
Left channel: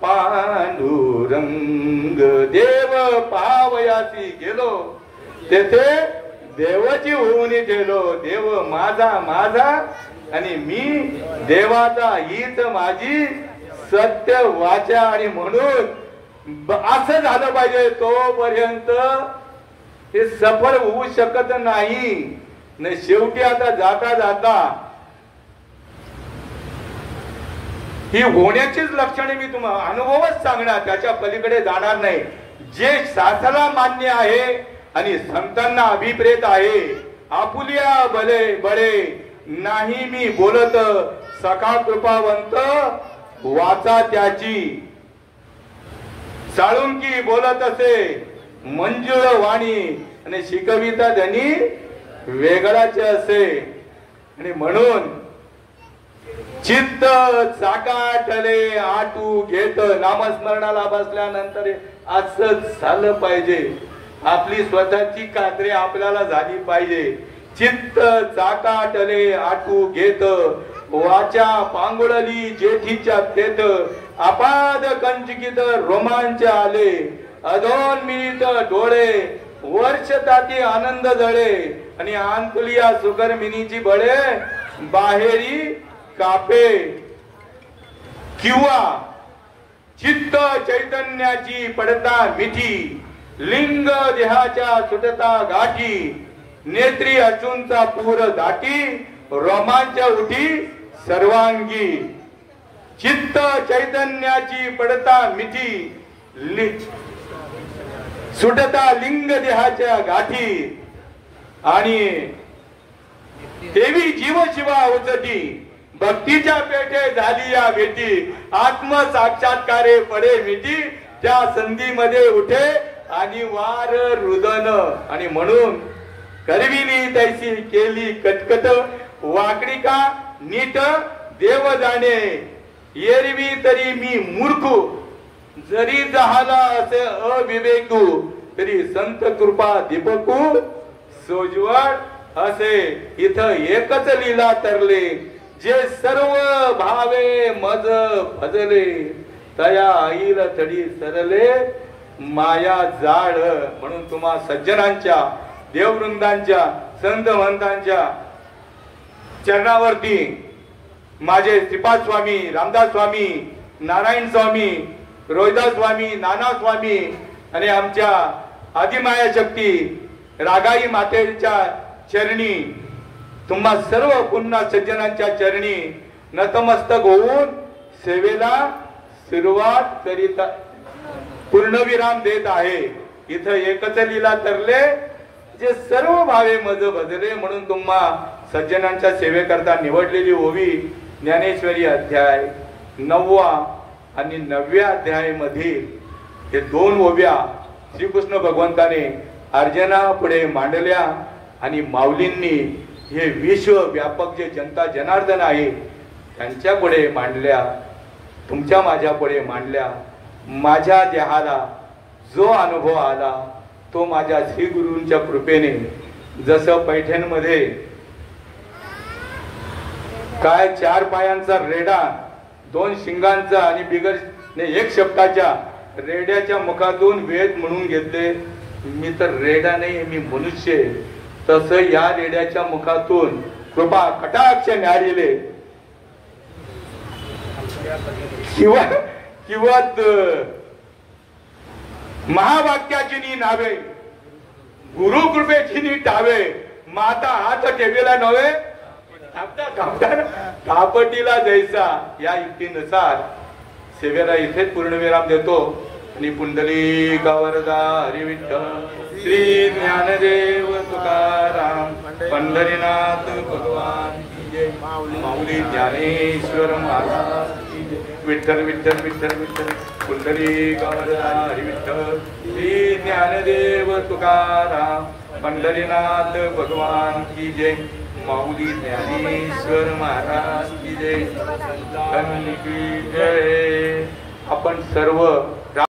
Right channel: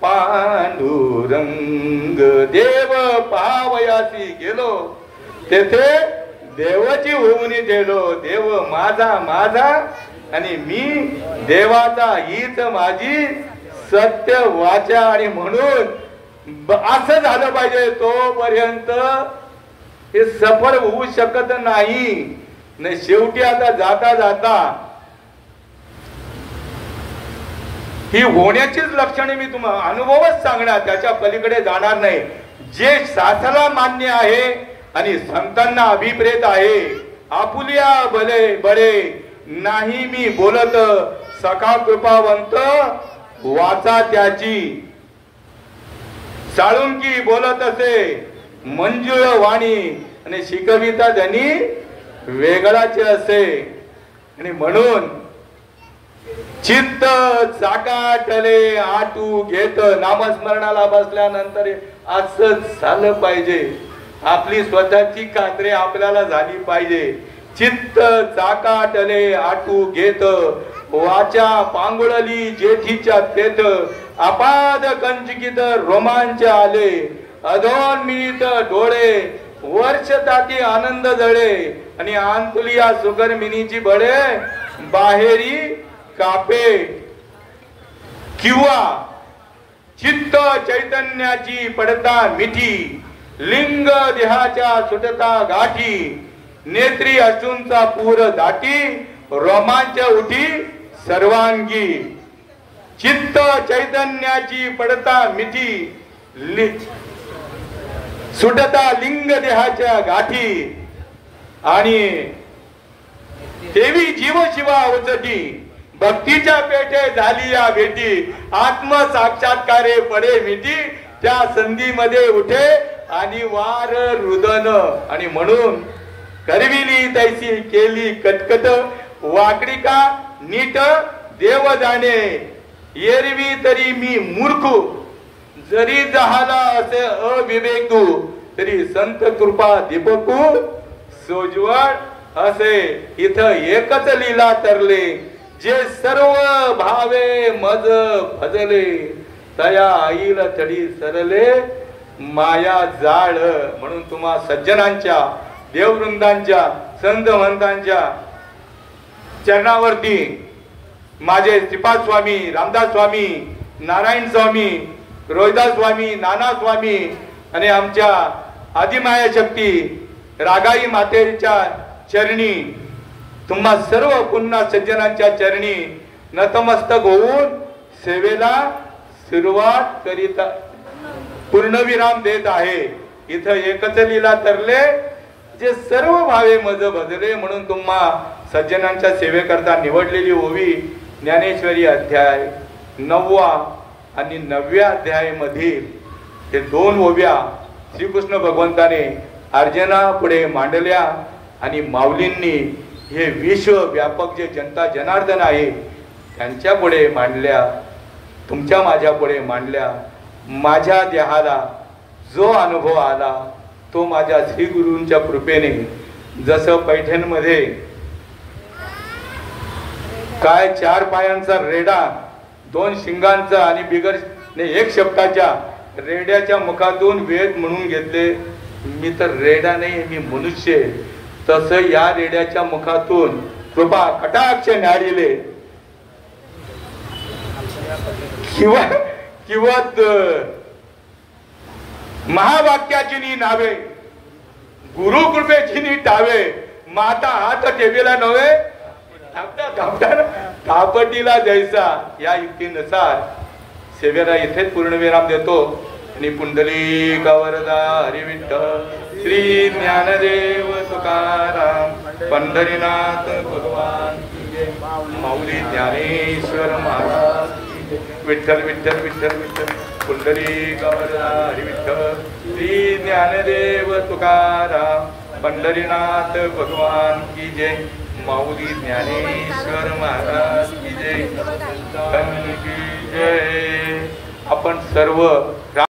पांडुरंग. देव पावयासी गेलो तेथे देवाची होऊन गेलो, देव माझा माझा आणि मी देवाचा, हीच माझी सत्य वाचा. आणि म्हणून असं झालं पाहिजे, तोपर्यंत हे सफल होऊ शकत नाही. शेवटी आता जाता जाता ही होण्याचीच लक्षणे मी तुम्हाला अनुभवच सांगणार, त्याच्या पलीकडे जाणार नाही. जे शास्त्राला मान्य आहे आणि संतांना अभिप्रेत आहे, आपुलिया भले बळे नाही मी बोलत, सखा कृपावंत वाचा त्याची, साळुंकी बोलत असे मंजुळ वाणी, आणि शिकविता धनी वेगळाचे असे. आणि म्हणून चित्त चाकाटले आटू घेत, नामस्मरणाला बसल्यानंतर असंच झालं पाहिजे. आपली स्वतःची खात्री आपल्याला झाली पाहिजे. चित्त चाकाटले आटू घेत, वाचा पांगुळली जेठीच्या तेथ, अपाद कंचकित रोमांच आले, अधोन्मीत डोळे वर्ष ताती आनंद जळे, आणि आंतुलिया सुकर्मिनीची बळे बाहेरी कापे. किंवा चित्त चैतन्याची पडता मिठी, लिंग देहाच्या सुटता गाठी, नेत्री अश्रूंचा पूर दाटी, रोमांच उठी सर्वांगी. चित्त चैतन्याची पडता मिठी, सुटता लिंग देहाच्या गाठी, आणि देवी जीव शिवा उचटी, भक्तीच्या पेठे झाली या भेटी, आत्म साक्षात्कारे पडे विटी, त्या संधीमध्ये उठे आणि वार रुदन. आणि म्हणून करविली तैसी केली कटकट, वाकडी का नीट देव जाणे, एरवी तरी मी मूर्ख, जरी जहाला असे अविवेकू, तरी संत कृपा दीपकू सोजवळ असे. इथं एकच लीला तरले, जे सर्व भावे मज भजले, तया आईल तडी सरले माया जाळ. म्हणून तुम्हा सज्जनांच्या, देववृंदांच्या, संत महंतांच्या चरणावरती माझे श्रीपाद स्वामी, रामदास स्वामी, नारायण स्वामी, रोहिदास स्वामी, नाना स्वामी आणि आमच्या आदिमाया शक्ती रागाई मातेच्या चरणी, तुम्हा सर्व पुन्हा सज्जनांच्या चरणी नतमस्तक होऊन सेवेला सुरुवात करीत पूर्णविराम देत आहे. इथं एकच लीला तरले, जे सर्व भावे मज भजले. म्हणून तुम्हा सज्जनांच्या सेवेकरता निवडलेली ओवी ज्ञानेश्वरी अध्याय 9 आणि 9व्या अध्याय मधील हे 2 ओव्या श्रीकृष्ण भगवंताने अर्जुना पुढे मांडल्या, आणि माऊलींनी हे विश्व व्यापक जे जनता जनार्दन आहे त्यांच्या पुढे मांडल्या, तुमच्या माझ्या पुढे मांडल्या. माझ्या देहाला जो अनुभव आला तो माझ्या श्री गुरूंच्या कृपेने, जसं पैठणमध्ये काय 4 पायांचा रेडा, 2 शिंगांचा आणि बिगर 1 शब्दाच्या रेड्याच्या मुखातून वेद म्हणून घेतले. मी तर रेडा नाही, मी मनुष्य. तसं या रेड्याच्या मुखातून कृपा कटाक्ष न्याडिले. किंवा महावाक्याची नी नावे, गुरु कृपेची नी टावे, माता हात ठेवेला नव्हे कापटीला जैसा या युक्तीनुसार सेवेला इथेच पूर्णविराम देतो आणि पुंडलिका वरदा हरी विठ्ठल श्री ज्ञानदेव तुकाराम पंढरीनाथ भगवान माऊली ज्ञानेश्वर महाराज विठ्ठल विठ्ठल विठ्ठल विठ्ठल पुंडलिका वरदा हरी विठ्ठल श्री ज्ञानदेव तुकाराम पंढरीनाथ भगवान की जय माऊली ज्ञानेश्वर महाराज की जय की जय. आपण सर्व